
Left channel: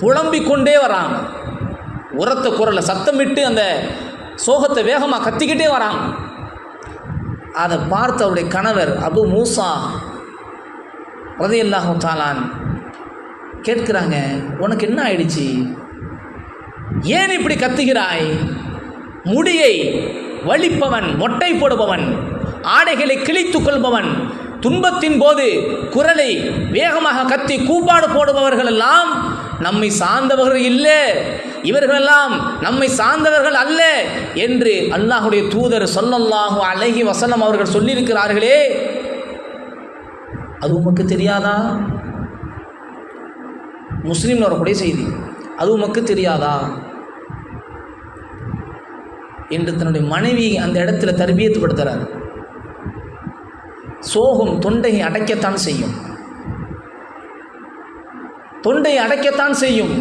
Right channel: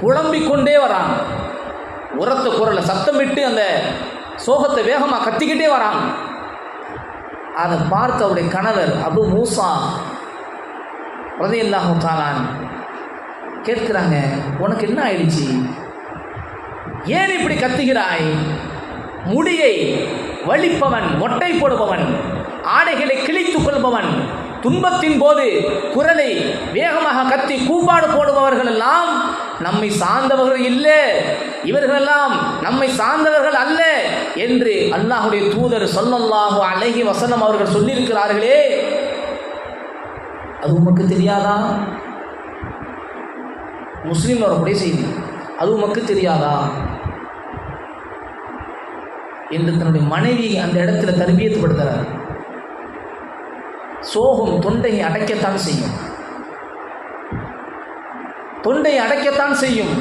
புலம்பிக் கொண்டே வராங்க. உரத்த குரலில் சத்தமிட்டு அந்த சோகத்தை வேகமாக கத்திக்கிட்டே வராங்க. அதை பார்த்து அவருடைய கணவர் அபு மூசா ரலியல்லாஹு தஆலா கேட்குறாங்க, உனக்கு என்ன ஆயிடுச்சு? ஏன் இப்படி கத்துகிறாய்? முடியை வலிப்பவன், மொட்டை போடுபவன், ஆடைகளை கிழித்து கொள்பவன், துன்பத்தின் போது குரலை வேகமாக கத்தி கூப்பாடு போடுபவர்கள் எல்லாம் நம்மை சார்ந்தவர்கள் இல்லை, இவர்களெல்லாம் நம்மை சார்ந்தவர்கள் அல்ல என்று அல்லாஹ்வுடைய தூதர் ஸல்லல்லாஹு அலைஹி வஸல்லம் அவர்கள் சொல்லியிருக்கிறார்களே, அது உமக்கு தெரியாதா? முஸ்லீம் வரக்கூடிய செய்தி. அது உமக்கு தெரியாதா என்று தன்னுடைய மனைவி அந்த இடத்துல தர்பியத்து படுத்துறார். சோகம் தொண்டையை அடைக்கத்தான் செய்யும், தொண்டையை அடைக்கத்தான் செய்யும்.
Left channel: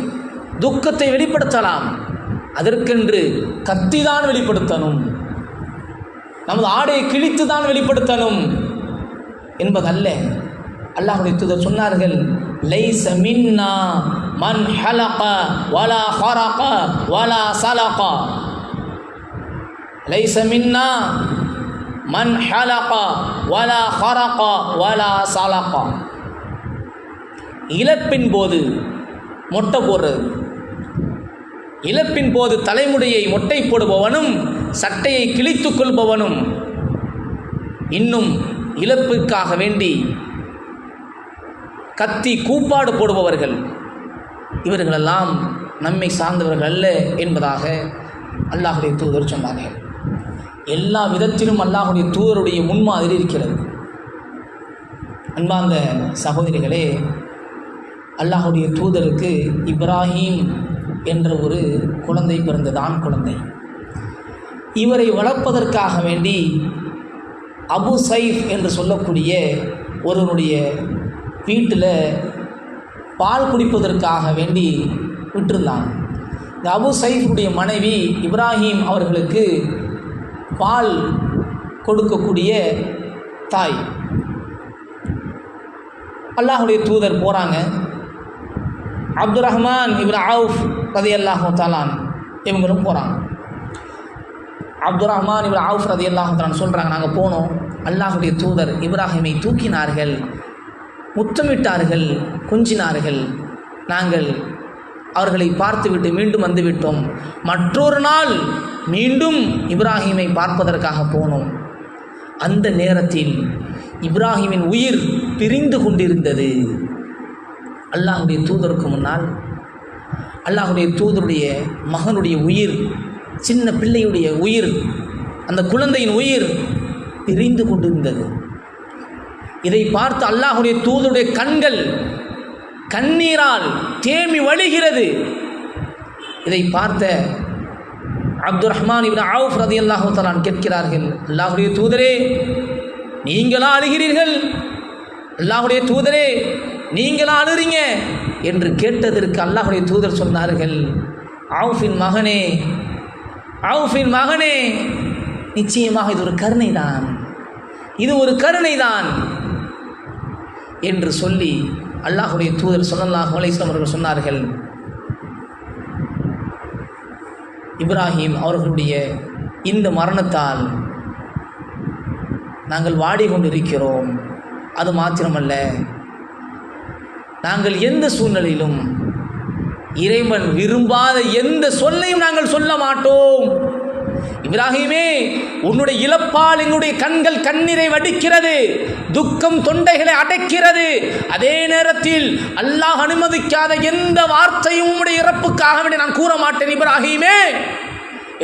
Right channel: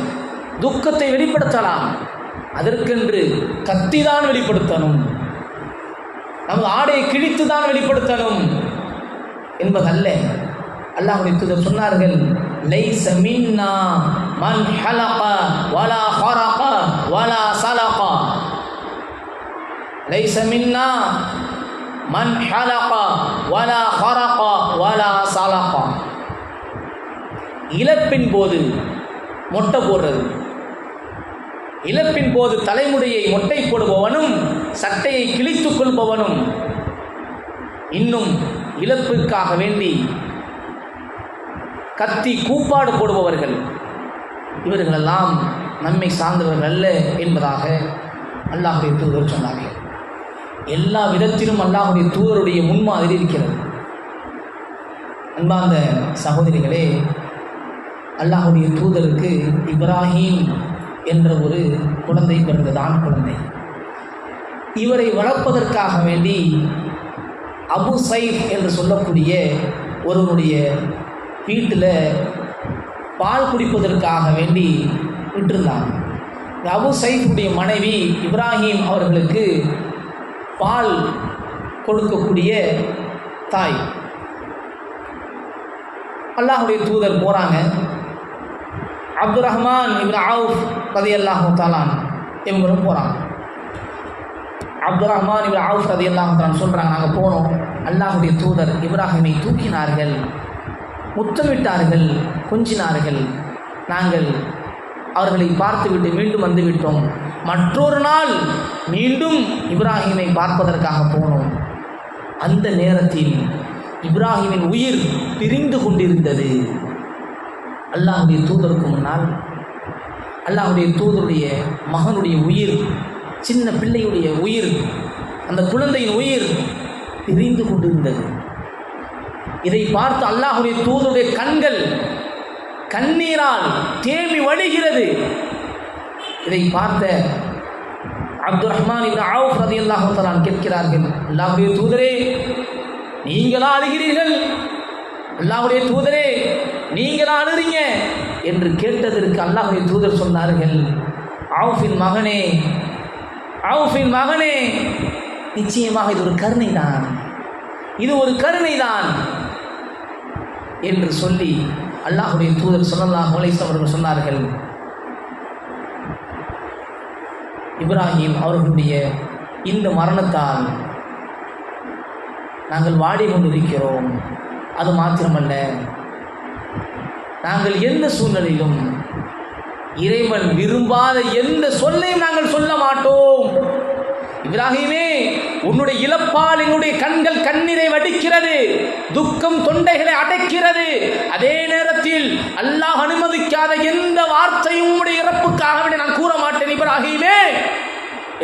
துக்கத்தை வெளிப்படுத்தலாம், அதற்கென்று கத்திதான் வெளிப்படுத்தணும், நமது ஆடையை கிழித்து தான் வெளிப்படுத்தணும் என்பதல்ல. அல்லாஹ்வுடைய தூதர் சொன்னார்கள், லைஸ மின்னா மன் ஹலக வலா ஹரக வலா சலக. லைஸ மின்னா மன் ஹலக வலா ஹரக வலா சலக. இழப்பின் போது மொட்டை போடுறது, இழப்பின் போது தலைமுடியை மொட்டை போடுபவனும் சட்டையை கிழித்து கொள்பவனும், இன்னும் இழப்பிற்காக வேண்டி கத்தி கூப்பாடு போடுபவர்கள், இவர்களெல்லாம் நம்மை சார்ந்தவர்கள் அல்ல என்பதாக அல்லாஹ்வுடைய தூதர் சொன்னார்கள். எல்லா விதத்திலும் அல்லாஹ்வுடைய தூதருடைய முன்மாதிரி இருக்கிறது. அன்பார்ந்த சகோதரிகளே, அல்லாஹ்வுடைய தூதருக்கு இப்ராஹீம் என்ற ஒரு குழந்தை பிறந்தது, ஆண் குழந்தை. இவரை வளர்ப்பதற்காக வேண்டி அபு சைஃப் என்று சொல்லக்கூடிய ஒருவனுடைய வீட்டில் பால் குடிப்பதற்காக வேண்டி விட்டிருந்தாங்க. இந்த அபு சைஃபுடைய மனைவி இப்ராஹீம் அவர்களுக்கு பால் கொடுக்கக்கூடிய தாய். அல்லாஹ்வுடைய தூதர் போகிறாங்க. அப்துர் ரஹ்மான் இப்னு அவுஃப் ரலியல்லாஹு தஆலா இவங்களும் போகிறாங்க. அப்துர் ரஹ்மான் இப்னு அவுஃப் ரலியல்லாஹு தஆலா சொல்கிறாங்க, நாங்கள் போனோம், அல்லாஹ்வுடைய தூதர் இப்ராஹீமை தூக்கினார்கள், முத்தமிட்டார்கள், கொஞ்சினார்கள். நாங்கள் அவர்களை பார்த்துவிட்டு மீண்டும் வந்துவிட்டோம். மற்றொரு நாள் மீண்டும் இப்ராஹீமை பார்ப்பதற்காக போனோம். அந்த நேரத்தில் இப்ராஹீமின் உயிர் பிரிந்து கொண்டிருந்தது. அல்லாஹ்வுடைய தூதருக்கு முன்னால் அல்லாஹ்வுடைய தூதருடைய மகனுடைய உயிர், சின்ன பிள்ளையுடைய உயிர், அந்த குழந்தையின் உயிர் பிரிந்து கொண்டிருந்தது. இதை பார்த்து அல்லாஹ்வுடைய தூதருடைய கண்கள் கண்ணீரால் தேம்பி வழிகிறது. இதை பார்த்த அப்துர் ரஹ்மான் இப்னு அவுஃப் ரலியல்லாஹு தஆலா கேட்கிறார்கள், அல்லாஹ்வுடைய தூதரே, நீங்களா அழுகிறீர்கள்? அல்லாஹ்வுடைய தூதரே, நீங்களா அழுறீங்க என்று கேட்டதற்கு அல்லாஹ்வுடைய தூதர் சொன்னார்கள், அவுஃபின் மகனே, அவுஃபின் மகனே, நிச்சயமாக இது ஒரு கருணை தான், இது ஒரு கருணை தான் என்று சொல்லி அல்லாஹ்வுடைய தூதர் ஸல்லல்லாஹு அலைஹி வஸல்லம் அவர்கள் சொன்னார்கள், இப்ராஹீம் அவர்களுடைய இந்த மரணத்தால் நாங்கள் வாடிக்கொண்டிருக்கிறோம். அது மாத்திரமல்ல, நாங்கள் எந்த சூழ்நிலையிலும் இறைவன் விரும்பாத எந்த சொல்லையும் நாங்கள் சொல்ல மாட்டோம். இப்ராஹீமே, உன்னுடைய இழப்பால் என்னுடைய கண்கள் கண்ணீரை வடிக்கிறது, துக்கம் தொண்டைகளை அடைக்கிறது. அதே நேரத்தில் அல்லாஹ் அனுமதிக்காத எந்த வார்த்தையும் உன்னுடைய இறப்புக்காக நான் கூற மாட்டேன் இப்ராஹீமே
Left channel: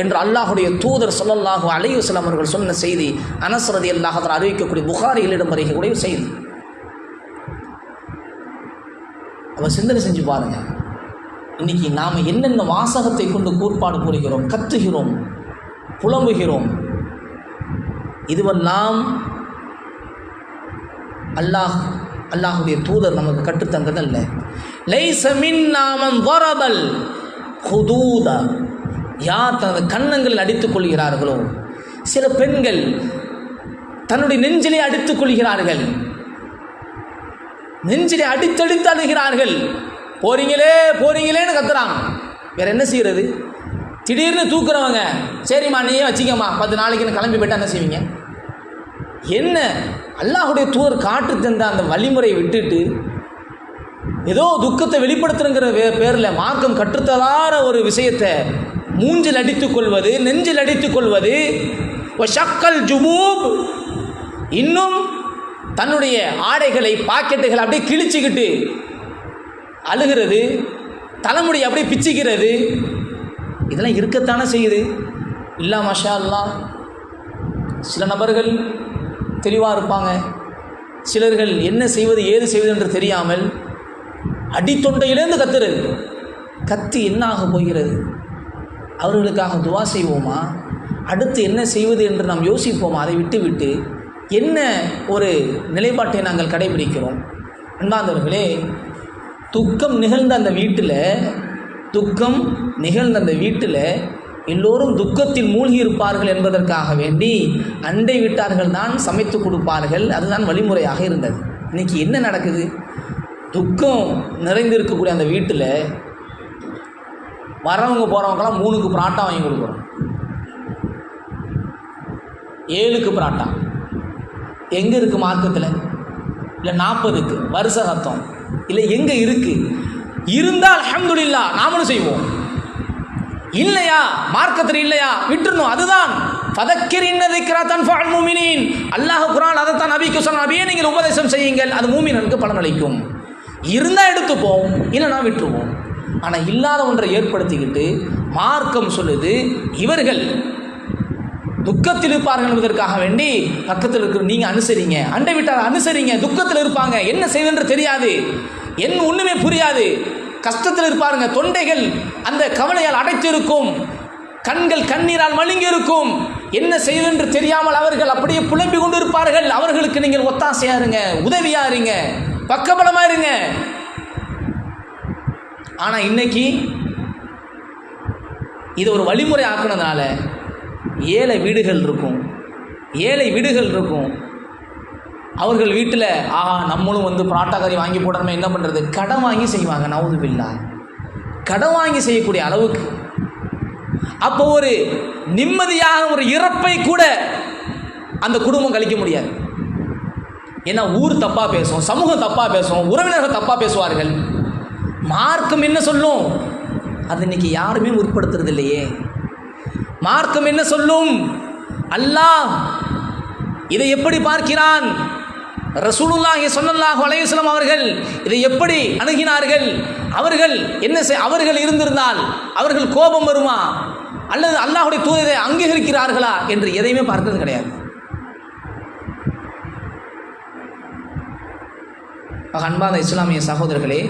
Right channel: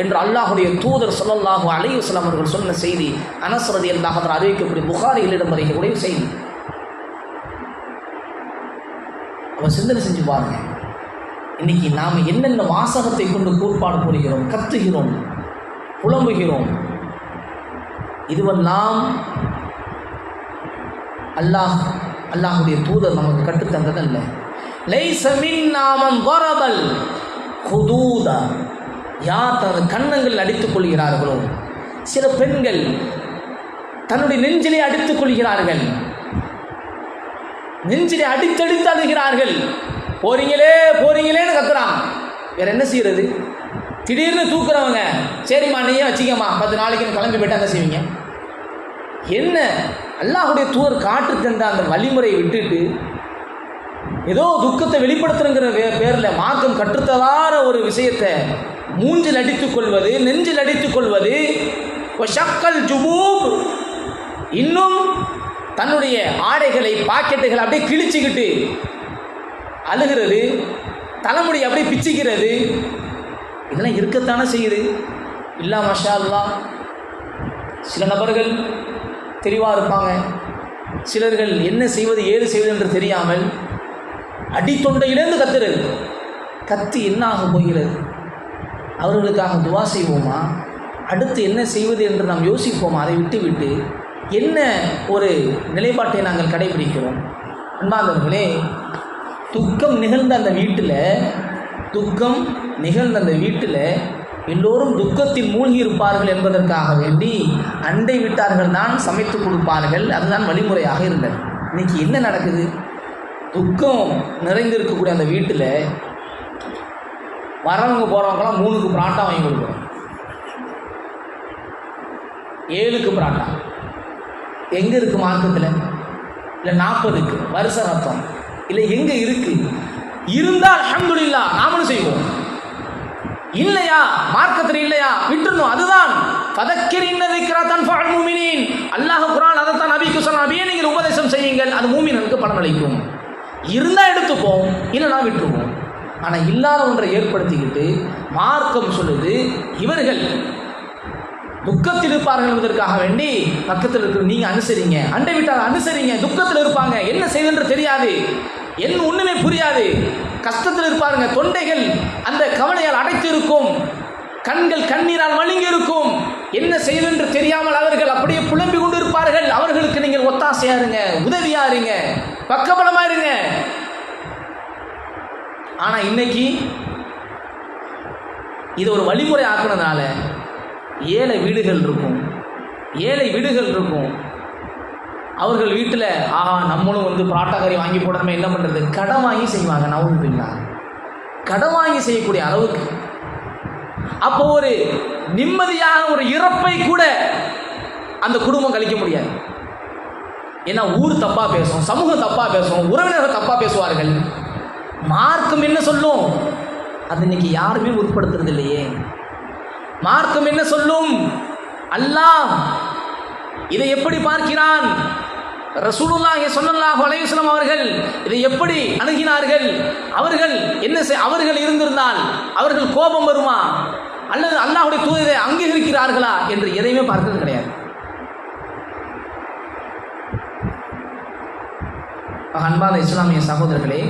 என்று அல்லாஹ்வுடைய தூதர் ஸல்லல்லாஹு அலைஹி வஸல்லம் அவர்கள் சொன்ன செய்தி அனஸ் ரலியல்லாஹு அன்ஹு அறிவிக்கக்கூடிய புகாரியில் இடம்பெறக்கூடிய செய்தி. அவர் சிந்தனை செஞ்சு பாருங்க, இன்றைக்கி நாம் என்னென்ன வாசகத்தை கொண்டு கூர்ப்பாடு புரிகிறோம், கத்துகிறோம், புலம்புகிறோம். இதுவெல்லாம் அல்லாஹுடைய தூதர் நமக்கு கற்றுத்தந்ததல்ல. லைஸ மின்னா மன் ضربல் ஹுதூத, யார் தனது கன்னங்கள் அடித்துக் கொள்கிறார்களோ. சில பெண்கள் தன்னுடைய நெஞ்சிலே அடித்துக் கொள்கிறார்கள், நெஞ்சிலே அடித்தடித்து அழுகிறார்கள். போறீங்களேன்னு கத்துறாங்க. வேற என்ன செய்யறது? திடீர்னு தூக்குறவங்க, சரிம்மா நீயே வச்சிக்கம்மா 10 நாளைக்கு கிளம்பி போயிட்டா என்ன செய்வீங்க? என்ன அல்லாஹுடைய தூதர் காட்டு தந்த அந்த வழிமுறையை விட்டுட்டு ஏதோ துக்கத்தை வெளிப்படுத்துங்கிற பேரில் மார்க்கம் கற்றுத்தலான ஒரு விஷயத்தை மூஞ்சில் அடித்துக் கொள்வது, நெஞ்சில் அடித்துக் கொள்வது, ஷக்கல் ஜுபூப், இன்னும் தன்னுடைய ஆடைகளை பாக்கெட்டுகளை அப்படியே கிழிச்சுக்கிட்டு அழுகிறது, தலைமுடி அப்படியே பிச்சுக்கிறது, இதெல்லாம் இருக்கத்தானே செய்யுது. இல்லா மஷா அல்லா. சில நபர்கள் தெளிவாக இருப்பாங்க, சிலர்கள் என்ன செய்வது ஏது செய்வது என்று தெரியாமல் அடித்தொண்டையிலேருந்து கத்துறது. கத்தி என்ன ஆக போகிறது? அவர்களுக்காக துவா செய்வோமா? அடுத்து என்ன செய்வது என்று நாம் யோசிப்போமா? அதை விட்டு என்ன ஒரு நிலைப்பாட்டை நாங்கள் கடைபிடிக்கிறோம்? அன்பார்ந்தவர்களே, துக்கம் நிகழ்ந்த அந்த வீட்டில் எல்லோரும் துக்கத்தில் மூழ்கி இருப்பார்கள் என்பதற்காக வேண்டி அண்டை வீட்டார்கள் தான் சமைத்து கொடுப்பார்கள். அதுதான் வழிமுறையாக இருந்தது. இன்றைக்கி என்ன நடக்குது? துக்கம் நிறைந்திருக்கக்கூடிய அந்த வீட்டில் வரவங்க போகிறவங்கலாம் 3க்கு பராட்டா வாங்கி கொடுக்குறோம், 7க்கு பராட்டா. எங்கே இருக்குது மார்க்கத்தில்? இல்லை 40க்கு வருஷ ரத்தம் இல்லை எங்கே இருக்குது? இருந்தால் அல்ஹம்துலில்லாஹ் நாமளும் செய்வோம். இல்லையா, மார்க்கத்தில் இல்லையா, விட்டுணும். அதுதான் அல்லாஹ் குர்ஆன் அதைத்தான் நபிக்கு சொன்ன, நபியே நீங்கள் உபதேசம் செய்யுங்கள், அது மூமின்களுக்கு பலனளிக்கும். இருந்தால் எடுத்துப்போம், இல்லைனா விட்டுருவோம். ஆனால் இல்லாத ஒன்றை ஏற்படுத்திக்கிட்டு மார்க்கம் சொல்லுது, இவர்கள் துக்கத்தில் இருப்பார்கள் என்பதற்காக வேண்டி பக்கத்தில் இருக்கிற நீங்கள் அனுசரிங்க, அண்டை விட்டால் அனுசரிங்க. துக்கத்தில் இருப்பாங்க, என்ன செய்வென்று தெரியாது, என்ன ஒன்றுமே புரியாது, கஷ்டத்தில் இருப்பாருங்க, தொண்டைகள் அந்த கவலையால் அடைத்து இருக்கும், கண்கள் கண்ணீரால் மழுங்கி இருக்கும், என்ன செய்வென்று தெரியாமல் அவர்கள் அப்படியே புலம்பி கொண்டு இருப்பார்கள். அவர்களுக்கு நீங்கள் ஒத்தாசையா இருங்க, உதவியா இருங்க, பக்கபலமா இருங்க. ஆனா இன்னைக்கு இது ஒரு வழிமுறை ஆக்குனதுனால ஏழை வீடுகள் இருக்கும். அவர்கள் வீட்டில் நம்மளும் பராட்டா கறி வாங்கி போடாமல் என்ன பண்ணுறது, கடன் வாங்கி செய்வாங்க. நவுதுபில்லா, கடன் வாங்கி செய்யக்கூடிய அளவுக்கு. அப்போ ஒரு நிம்மதியான ஒரு இறப்பை கூட அந்த குடும்பம் கழிக்க முடியாது. ஏன்னா ஊர் தப்பாக பேசும், சமூகம் தப்பாக பேசும், உறவினர்கள் தப்பாக பேசுவார்கள். மார்க்கம் என்ன சொல்லும்? அது இன்னைக்கு யாருமே முற்படுத்துறது இல்லையே. மார்க்கம் என்ன சொல்லும்? அல்லாஹ் இதை எப்படி பார்க்கிறான்? ரசூலுல்லாஹி ஸல்லல்லாஹு அலைஹி வஸல்லம் அவர்கள் இதை எப்படி அணுகினார்கள்? அவர்கள் இருந்திருந்தால் அவர்கள் கோபம் வருமா, அல்லது அல்லாஹ்வுடைய தூதரை அங்கீகரிக்கிறார்களா என்று எதையுமே பார்க்கிறது கிடையாது. அன்பான இஸ்லாமிய சகோதரர்களே,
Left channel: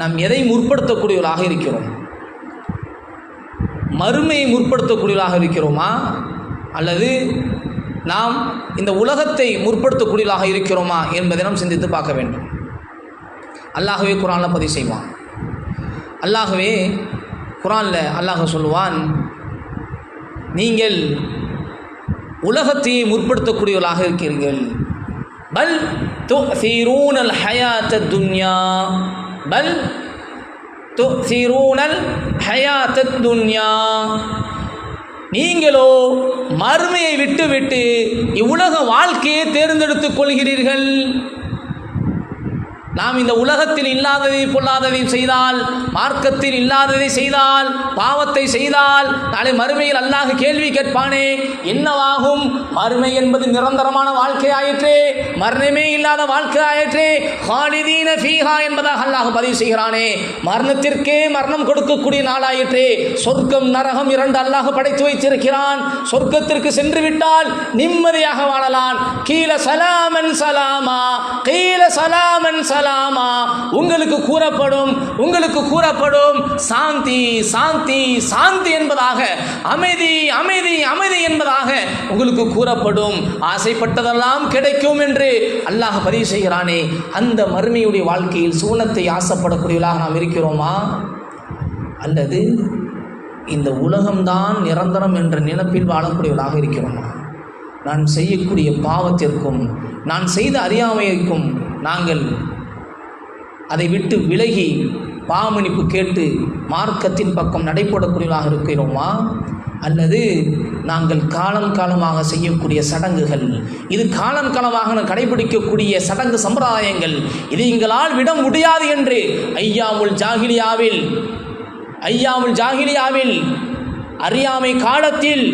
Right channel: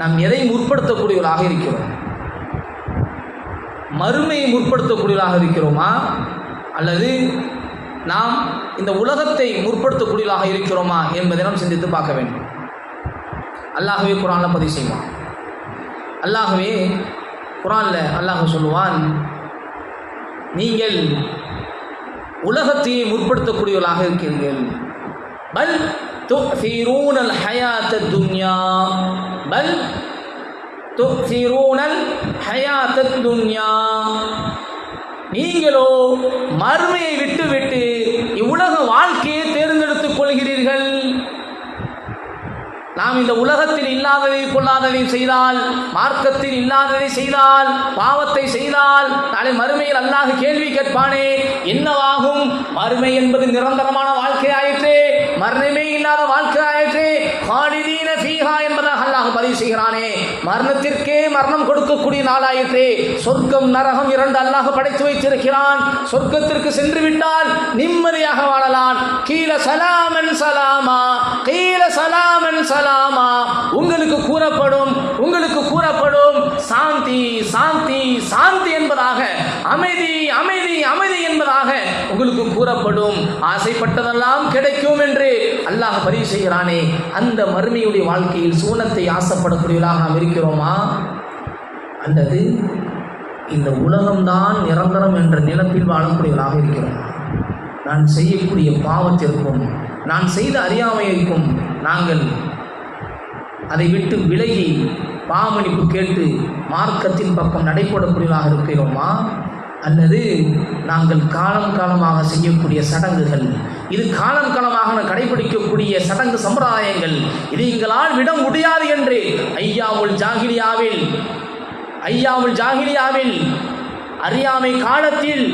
நாம் எதை முற்படுத்தக்கூடியவர்களாக இருக்கிறோம்? மறுமையை முற்படுத்தக்கூடியவர்களாக இருக்கிறோமா, அல்லது நாம் இந்த உலகத்தை முற்படுத்தக்கூடியவர்களாக இருக்கிறோமா என்பதை நாம் சிந்தித்து பார்க்க வேண்டும். அல்லாஹ்வே குர்ஆனில் பதிவு செய்வான். அல்லாஹ்வே குர்ஆனில் அல்லாஹ் சொல்லுவான், நீங்கள் உலகத்தையே முற்படுத்தக்கூடியவர்களாக இருக்கிறீர்கள். பல் துஸிரூனல் ஹயாத்தத் துன்யா, பல் துஸிரூனல் ஹயாத்தத் துன்யா, நீங்களோ மறுமையை விட்டுவிட்டு இவ்வுலக வாழ்க்கையை தேர்ந்தெடுத்துக் கொள்கிறீர்கள். நாம் இந்த உலகத்தில் இல்லாததை கொள்ளாததை செய்தால், மார்க்கத்தில் இல்லாததை செய்தால், பாவத்தை செய்தால், நாளை மறுமையில் அல்லாஹ் கேள்வி கேட்பானே, என்னவாகும்? மறுமை என்பது நிரந்தரமான வாழ்க்கை ஆயிற்றே, மரணமே இல்லாத வாழ்க்கை ஆயிற்றே, ஹாலிதீன ஃபீஹா என்பதாக அல்லாஹ் பதிவு செய்கிறானே, மரணத்திற்கே மரணம் கொடுக்கக்கூடிய நாளாயிற்றே. சொர்க்கம் நரகம் 2 அல்லாஹ் படைத்து வைத்திருக்கிறான். சொர்க்கத்திற்கு சென்று விட்டால் நிம்மதியாக வாழலாம். கீல சலாமன் சலாமா, கீல சலாமன் சலாமன் சலாமா, உங்களுக்கு கூறப்படும் சாந்தி சாந்தி சாந்தி என்பதாக, அமைதி அமைதி அமைதி என்பதாக உங்களுக்கு கூறப்படும். ஆசைப்பட்டதெல்லாம் கிடைக்கும் என்று அல்லாஹ் பதிவு செய்கிறானே, அந்த மறுமையுடைய வாழ்க்கையில் சுவனத்தை ஆசைப்படக்கூடியவர்களாக நாம் இருக்கிறோமா? அல்லது இந்த உலகம்தான் நிரந்தரம் என்ற நினைப்பில் வாழக்கூடியவர்களாக இருக்கிறோமா? நான் செய்யக்கூடிய பாவத்திற்கும் நான் செய்த அறியாமைக்கும் நாங்கள் அதை விட்டு விலகி பாவமன்னிப்பு கேட்டு மார்க்கத்தின் பக்கம் நடைபெறக்கூடியவர்களாக இருக்கிறோமா? அல்லது நாங்கள் காலம் காலமாக செய்யக்கூடிய சடங்குகள், இது காலம் காலமாக கடைபிடிக்கக்கூடிய சடங்கு சம்பிரதாயங்கள், இது எங்களால் விட முடியாது என்று ஐயாமுல் ஜாகிலியாவில் அறியாமை காலத்தில்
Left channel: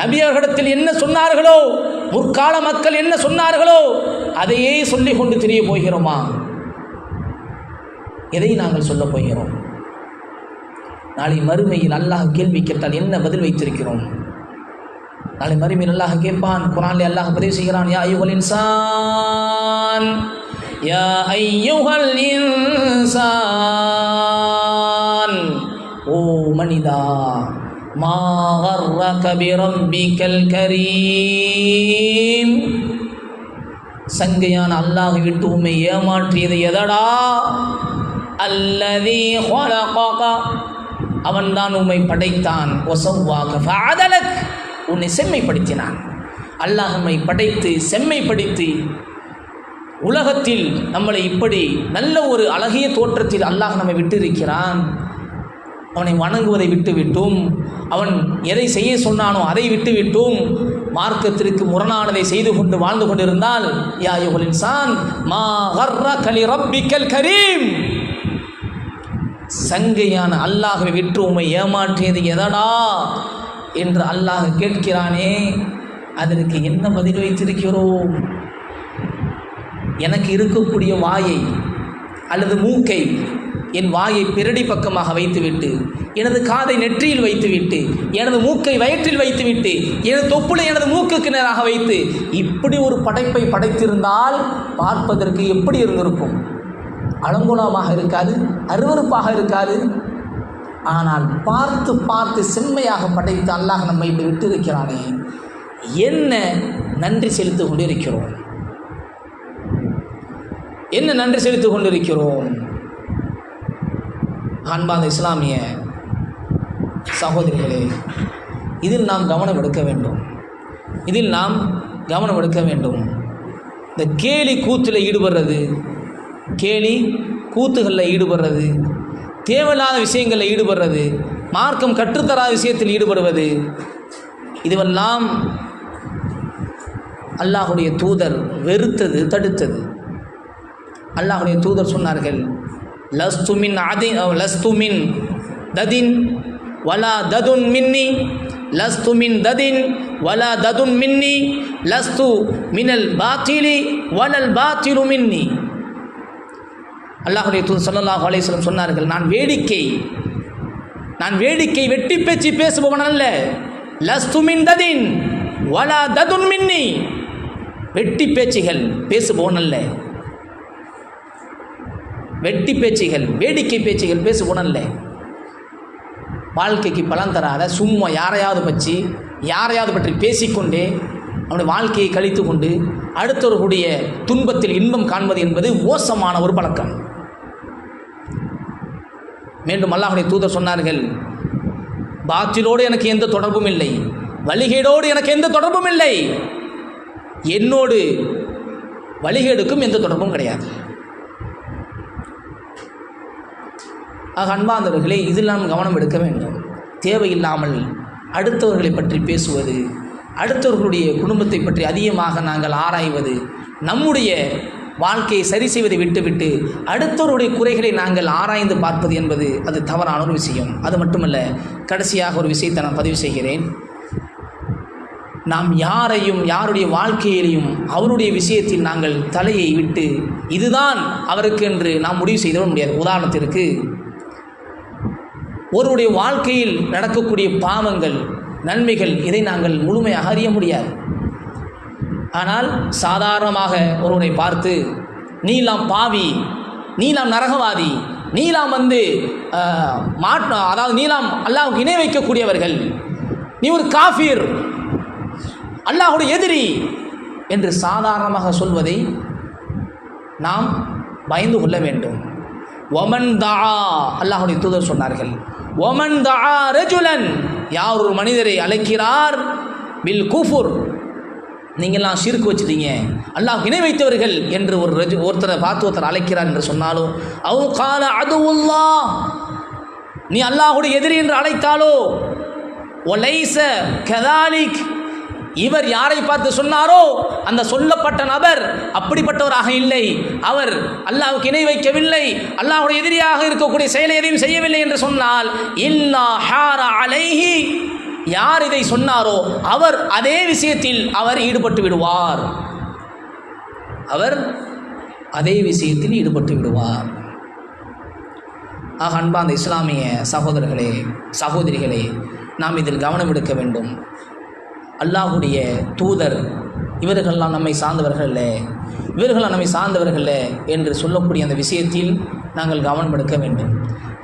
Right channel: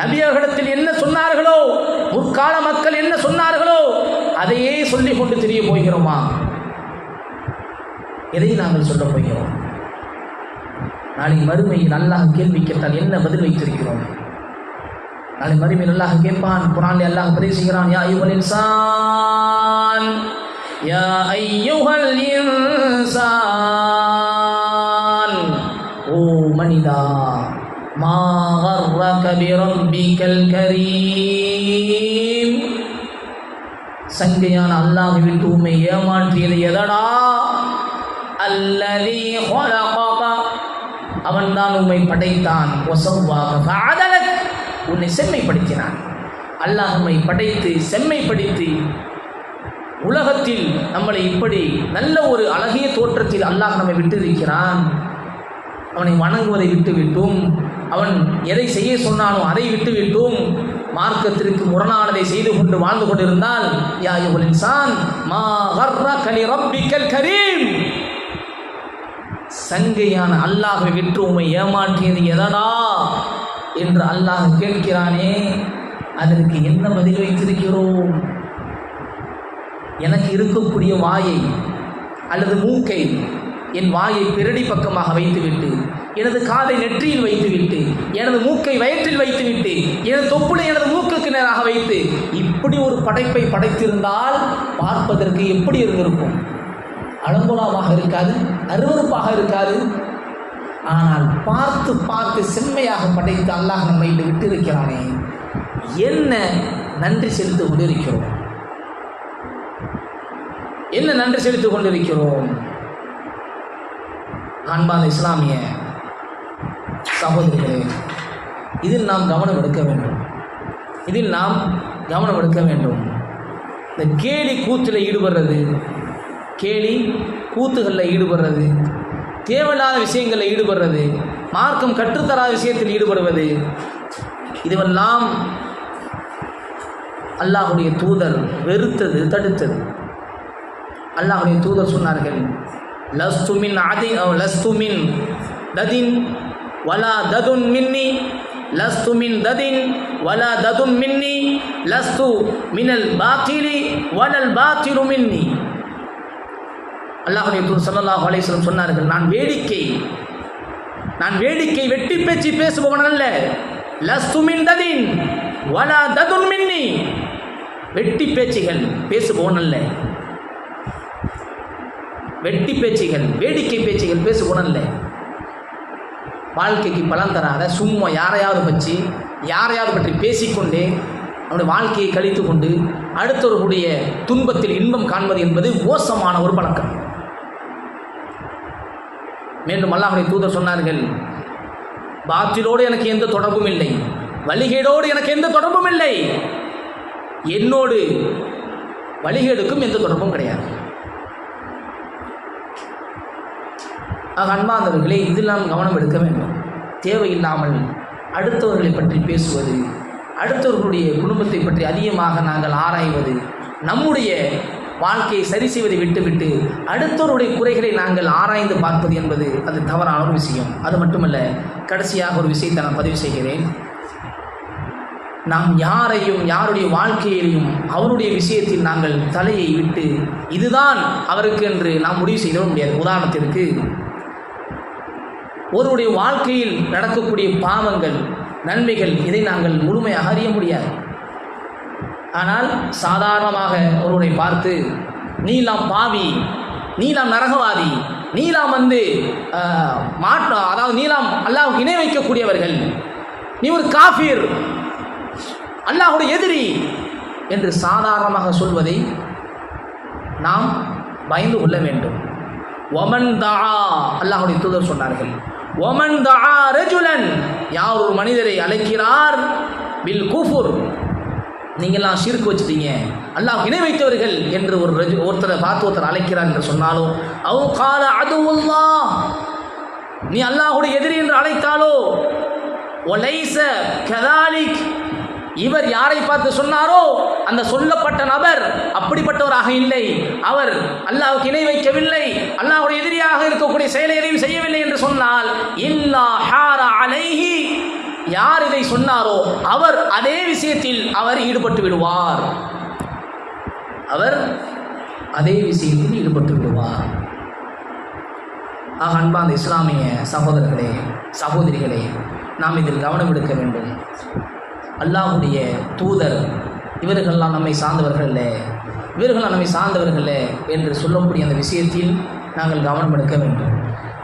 நபியர்களிடத்தில் என்ன சொன்னார்களோ, முற்கால மக்கள் என்ன சொன்னார்களோ அதையே சொல்லிக் கொண்டு தெரிய போகிறோமா? எதை நாங்கள் சொல்ல போகிறோம்? நாளை மறுமையில் அல்லாஹ் கேள்வி கேட்டால் என்ன பதில் வைத்திருக்கிறோம்? நாளை மறுமையில் அல்லாஹ் கேட்பான். குர்ஆனில் அல்லாஹ் பதிவு செய்கிறான், யா அய்யுஹல் இன்சான், யா அய்யுஹல் இன்சான், ஓ மனிதா, மா கர்ரக பிரப்பிக்கல் கரீம், சங்கையான அல்லாஹ் விட்டு உம்மை ஏமாற்றியது எதடா? அல்லதீ ஹலகக, அவன்தான் உம்மை படைத்தான். வஸவ்வாக ஃபஅதலக், உன்னை செம்மைப்படுத்தினான். அல்லாஹ் உம்மை படைத்து செம்மைப்படுத்தி உலகத்தில் நம்மளை இப்படி நல்ல ஒரு அழகிய தோற்றத்தில் அல்லாஹ் நம்மை விட்டிருக்கிறான். அவனை வணங்குவதை விட்டுவிட்டும், அவன் எதை செய்ய சொன்னானோ அதை விட்டுவிட்டும் மார்க்கத்திற்கு முரணானதை செய்து கொண்டு வாழ்ந்து கொண்டிருந்தால், யா அய்யுஹல் இன்சான் மா கர்ரக லிரப்பிக்கல் கரீம், சங்கையான அல்லாஹ்வை விட்டு உம்மை ஏமாற்றியது எதடா என்று அல்லாஹ் கேட்கிறானே, அதற்கு என்ன பதில் வைத்திருக்கிறோம்? எனக்கு இருக்கக்கூடிய வாயை அல்லது மூக்கை, என் வாயை பிறடி பக்கமாக வைத்துவிட்டு, எனது காதை நெற்றியில் வைத்துவிட்டு, எனது மூக்கை வயிற்றில் வைத்துவிட்டு, எனது தொப்புளை எனது மூக்குக்கு நேராக வைத்து இப்படி ஒரு படைப்பை படைத்திருந்தால் பார்ப்பதற்கு எப்படி இருந்திருக்கும்? அலங்கோலமாக இருக்காது, அருவருப்பாக இருக்காது. ஆனால் பார்த்து பார்த்து செம்மையாக படைத்து அல்லாஹ் நம்மை விட்டு இருக்கிறானே, என்ன நன்றி செலுத்திக் கொண்டிருக்கிறோம்? என்ன நன்றி செலுத்திக் கொண்டிருக்கிறோம்? அன்பான இஸ்லாமிய சகோதரிகளே, இதில் நாம் கவனம் எடுக்க வேண்டும். இந்த கேலி கூத்தில் ஈடுபடுறது, கேலி கூத்துகளில் ஈடுபடுறது, தேவையில்லாத விஷயங்களில் ஈடுபடுறது, மார்க்கம் கற்றுத்தராத விஷயத்தில் ஈடுபடுவது, இதுவெல்லாம் அல்லாஹுடைய தூதர் வெறுத்தது, தடுத்தது. அல்லாஹுடைய தூதர் சொன்னார்கள், லஸ்து மின் ததின் வலா ததுன் மின்னி, லஸ்து மின் ததின் வலா ததுன் மின்னி, லஸ்து மினல் பாத்திலி வலல் பாத்திலு மின்னி. அல்லாஹுடைய தூதர் ஸல்லல்லாஹு அலைஹி வஸல்லம் சொன்னார்கள், நான் வேடிக்கை வெட்டி பேச்சு பேசுபவன் அல்ல. லஸ்து மின் ததின் வலா ததுன் மின்னி, வெட்டி பேச்சுகள் பேசுபவன் அல்ல. வெட்டி பேச்சுகள், வேடிக்கை பேச்சுகள் பேசுபவன் அல்ல. வாழ்க்கைக்கு பலன் தராத சும்மா யாரையாவது பற்றி பேசிக்கொண்டே அவனுடைய வாழ்க்கையை கழித்து கொண்டு அடுத்தவர்களுடைய துன்பத்தில் இன்பம் காண்பது என்பது மோசமான ஒரு பழக்கம். மீண்டும் அல்லாஹ்வுடைய தூதர் சொன்னார்கள், பாத்திலோடு எனக்கு எந்த தொடர்பும் இல்லை, வழிகேடோடு எனக்கு எந்த தொடர்பும் இல்லை, என்னோடு வழிகேடுக்கும் எந்த தொடர்பும் கிடையாது. ஆக அன்பார்ந்தவர்களே, இதில் நாம் கவனம் எடுக்க வேண்டும். தேவையில்லாமல் அடுத்தவர்களை பற்றி பேசுவது, அடுத்தவர்களுடைய குடும்பத்தை பற்றி அதிகமாக நாங்கள் ஆராய்வது, நம்முடைய வாழ்க்கையை சரி செய்வதை விட்டுவிட்டு அடுத்தவருடைய குறைகளை நாங்கள் ஆராய்ந்து பார்ப்பது என்பது அது தவறான ஒரு விஷயம். அது மட்டுமல்ல, கடைசியாக ஒரு விஷயத்தை நான் பதிவு செய்கிறேன். நாம் யாருடைய வாழ்க்கையிலையும் அவருடைய விஷயத்தில் நாங்கள் தலையை விட்டு இதுதான் அவருக்கு என்று நாம் முடிவு செய்திட முடியாது. உதாரணத்திற்கு, ஒருவருடைய வாழ்க்கையில் நடக்கக்கூடிய பாவங்கள், நன்மைகள், இதை நாங்கள் முழுமையாக அறிய முடியாது. ஆனால் சாதாரணமாக ஒருவரை பார்த்து நீலாம் பாவி, நீலாம் நரகவாதி, நீலாம் அதாவது நீலாம் அல்லாஹ்வுக்கு இணை வைக்கக்கூடியவர்கள், நீ ஒரு காஃபிர், அல்லாஹ்வுடைய எதிரி என்று சாதாரணமாக சொல்வதை நாம் பயந்து கொள்ள வேண்டும். ஒமன் தஆ, அல்லாஹ்வுடைய தூதர் சொன்னார்கள், ஒமன் தஆ ரஜுலன், யார் ஒரு மனிதரை அழைக்கிறார், பில் குஃபுர், நீங்கள்லாம் ஷிர்க் வச்சுட்டீங்க, அல்லாஹ் இணை வைத்தவர்கள் என்று ஒருத்தரை பார்த்து ஒருத்தர் அழைக்கிறார் என்று சொன்னாலோ, அவு கால அதுவுல்லாஹ், நீ அல்லாஹ்வுடைய எதிரி என்று அழைத்தாலோ, ஒலைஸ கதாலிக், இவர் யாரை பார்த்து சொன்னாரோ அந்த சொல்லப்பட்ட நபர் அப்படிப்பட்டவராக இல்லை, அவர் அல்லாஹ்வுக்கு இணை வைக்கவில்லை, அல்லாஹ்வுடைய எதிரியாக இருக்கக்கூடிய செயலை எதையும் செய்யவில்லை என்று சொன்னால், இல்லா ஹார அலைஹி, யார் இதை சொன்னாரோ அவர் அதே விஷயத்தில் அவர் ஈடுபட்டு விடுவார், அவர் அதே விஷயத்தில் ஈடுபட்டு விடுவார். ஆக அன்பார்ந்த இஸ்லாமிய சகோதரர்களே, சகோதரிகளே, நாம் இதில் கவனம் எடுக்க வேண்டும். அல்லாஹ்வுடைய தூதர் இவர்களெல்லாம் நம்மை சார்ந்தவர்கள் இல்லை, இவர்களெல்லாம் நம்மை சார்ந்தவர்கள் என்று சொல்லக்கூடிய அந்த விஷயத்தில் நாங்கள் கவனம் எடுக்க வேண்டும்.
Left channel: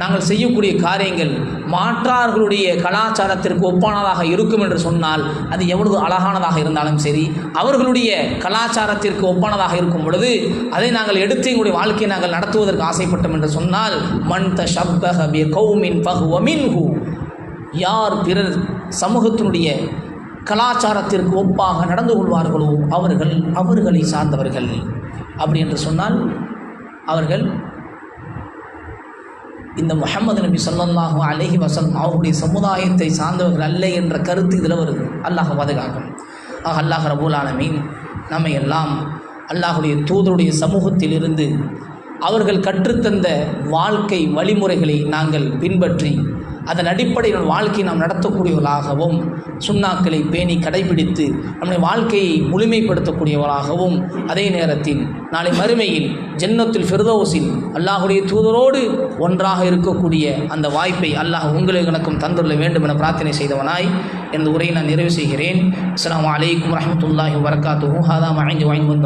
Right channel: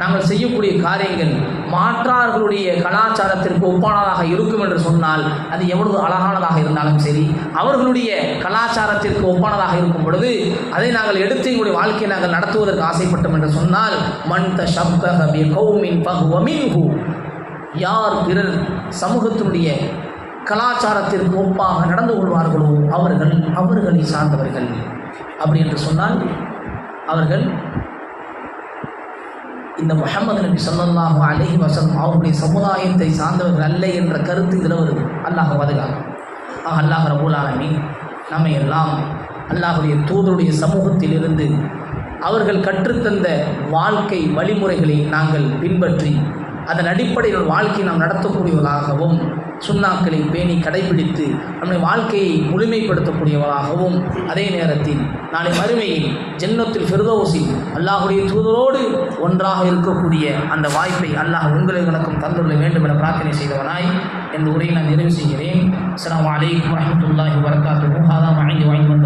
நாங்கள் செய்யக்கூடிய காரியங்கள் மாற்றார்களுடைய கலாச்சாரத்திற்கு ஒப்பானதாக இருக்கும் என்று சொன்னால் அது எவ்வளவு அழகானதாக இருந்தாலும் சரி, அவர்களுடைய கலாச்சாரத்திற்கு ஒப்பானதாக இருக்கும் பொழுது அதை நாங்கள் எடுத்து எங்களுடைய வாழ்க்கையை நாங்கள் நடத்துவதற்கு ஆசைப்பட்டோம் என்று சொன்னால், மன் தஷப்பஹ பிகௌமின் ஃபஹுவ மின்ஹு, யார் பிறர் சமூகத்தினுடைய கலாச்சாரத்திற்கு ஒப்பாக நடந்து கொள்வார்களோ அவர்களை சார்ந்தவர்கள். அப்படி என்று சொன்னால் அவர்கள் இந்த முஹம்மது நபி ஸல்லல்லாஹு அலைஹி வஸல்லம் அவருடைய சமுதாயத்தை சார்ந்தவர்கள் அல்ல என்ற கருத்து இதில் வருது. அல்லாஹ் பாதுகாக்கும். அல்லாஹ் ரப்பல் ஆலமீன் நம்மை எல்லாம் அல்லாஹுடைய தூதருடைய சமூகத்திலிருந்து அவர்கள் கற்றுத்தந்த வாழ்க்கை வழிமுறைகளை நாங்கள் பின்பற்றி அதன் அடிப்படையில் வாழ்க்கையை நாம் நடத்தக்கூடியவர்களாகவும், சுன்னாக்களை பேணி கடைபிடித்து நம்முடைய வாழ்க்கையை முழுமைப்படுத்தக்கூடியவர்களாகவும், அதே நேரத்தில் நாளை மறுமையில் ஜன்னத்துல் ஃபிர்தௌஸில் அல்லாஹுடைய தூதரோடு ஒன்றாக இருக்கக்கூடிய அந்த வாய்ப்பை அல்லாஹ் உங்களுக்கு எனக்கும் தந்துள்ள வேண்டும் என பிரார்த்தனை செய்தவனாய் இந்த உரையை நான் நிறைவு செய்கிறேன். அஸ்ஸலாமு அலைக்கும் வரஹ்மத்துல்லாஹி வபரகாத்துஹு. ஹாதா மா இன்தி வ இன்தல்லாஹ்.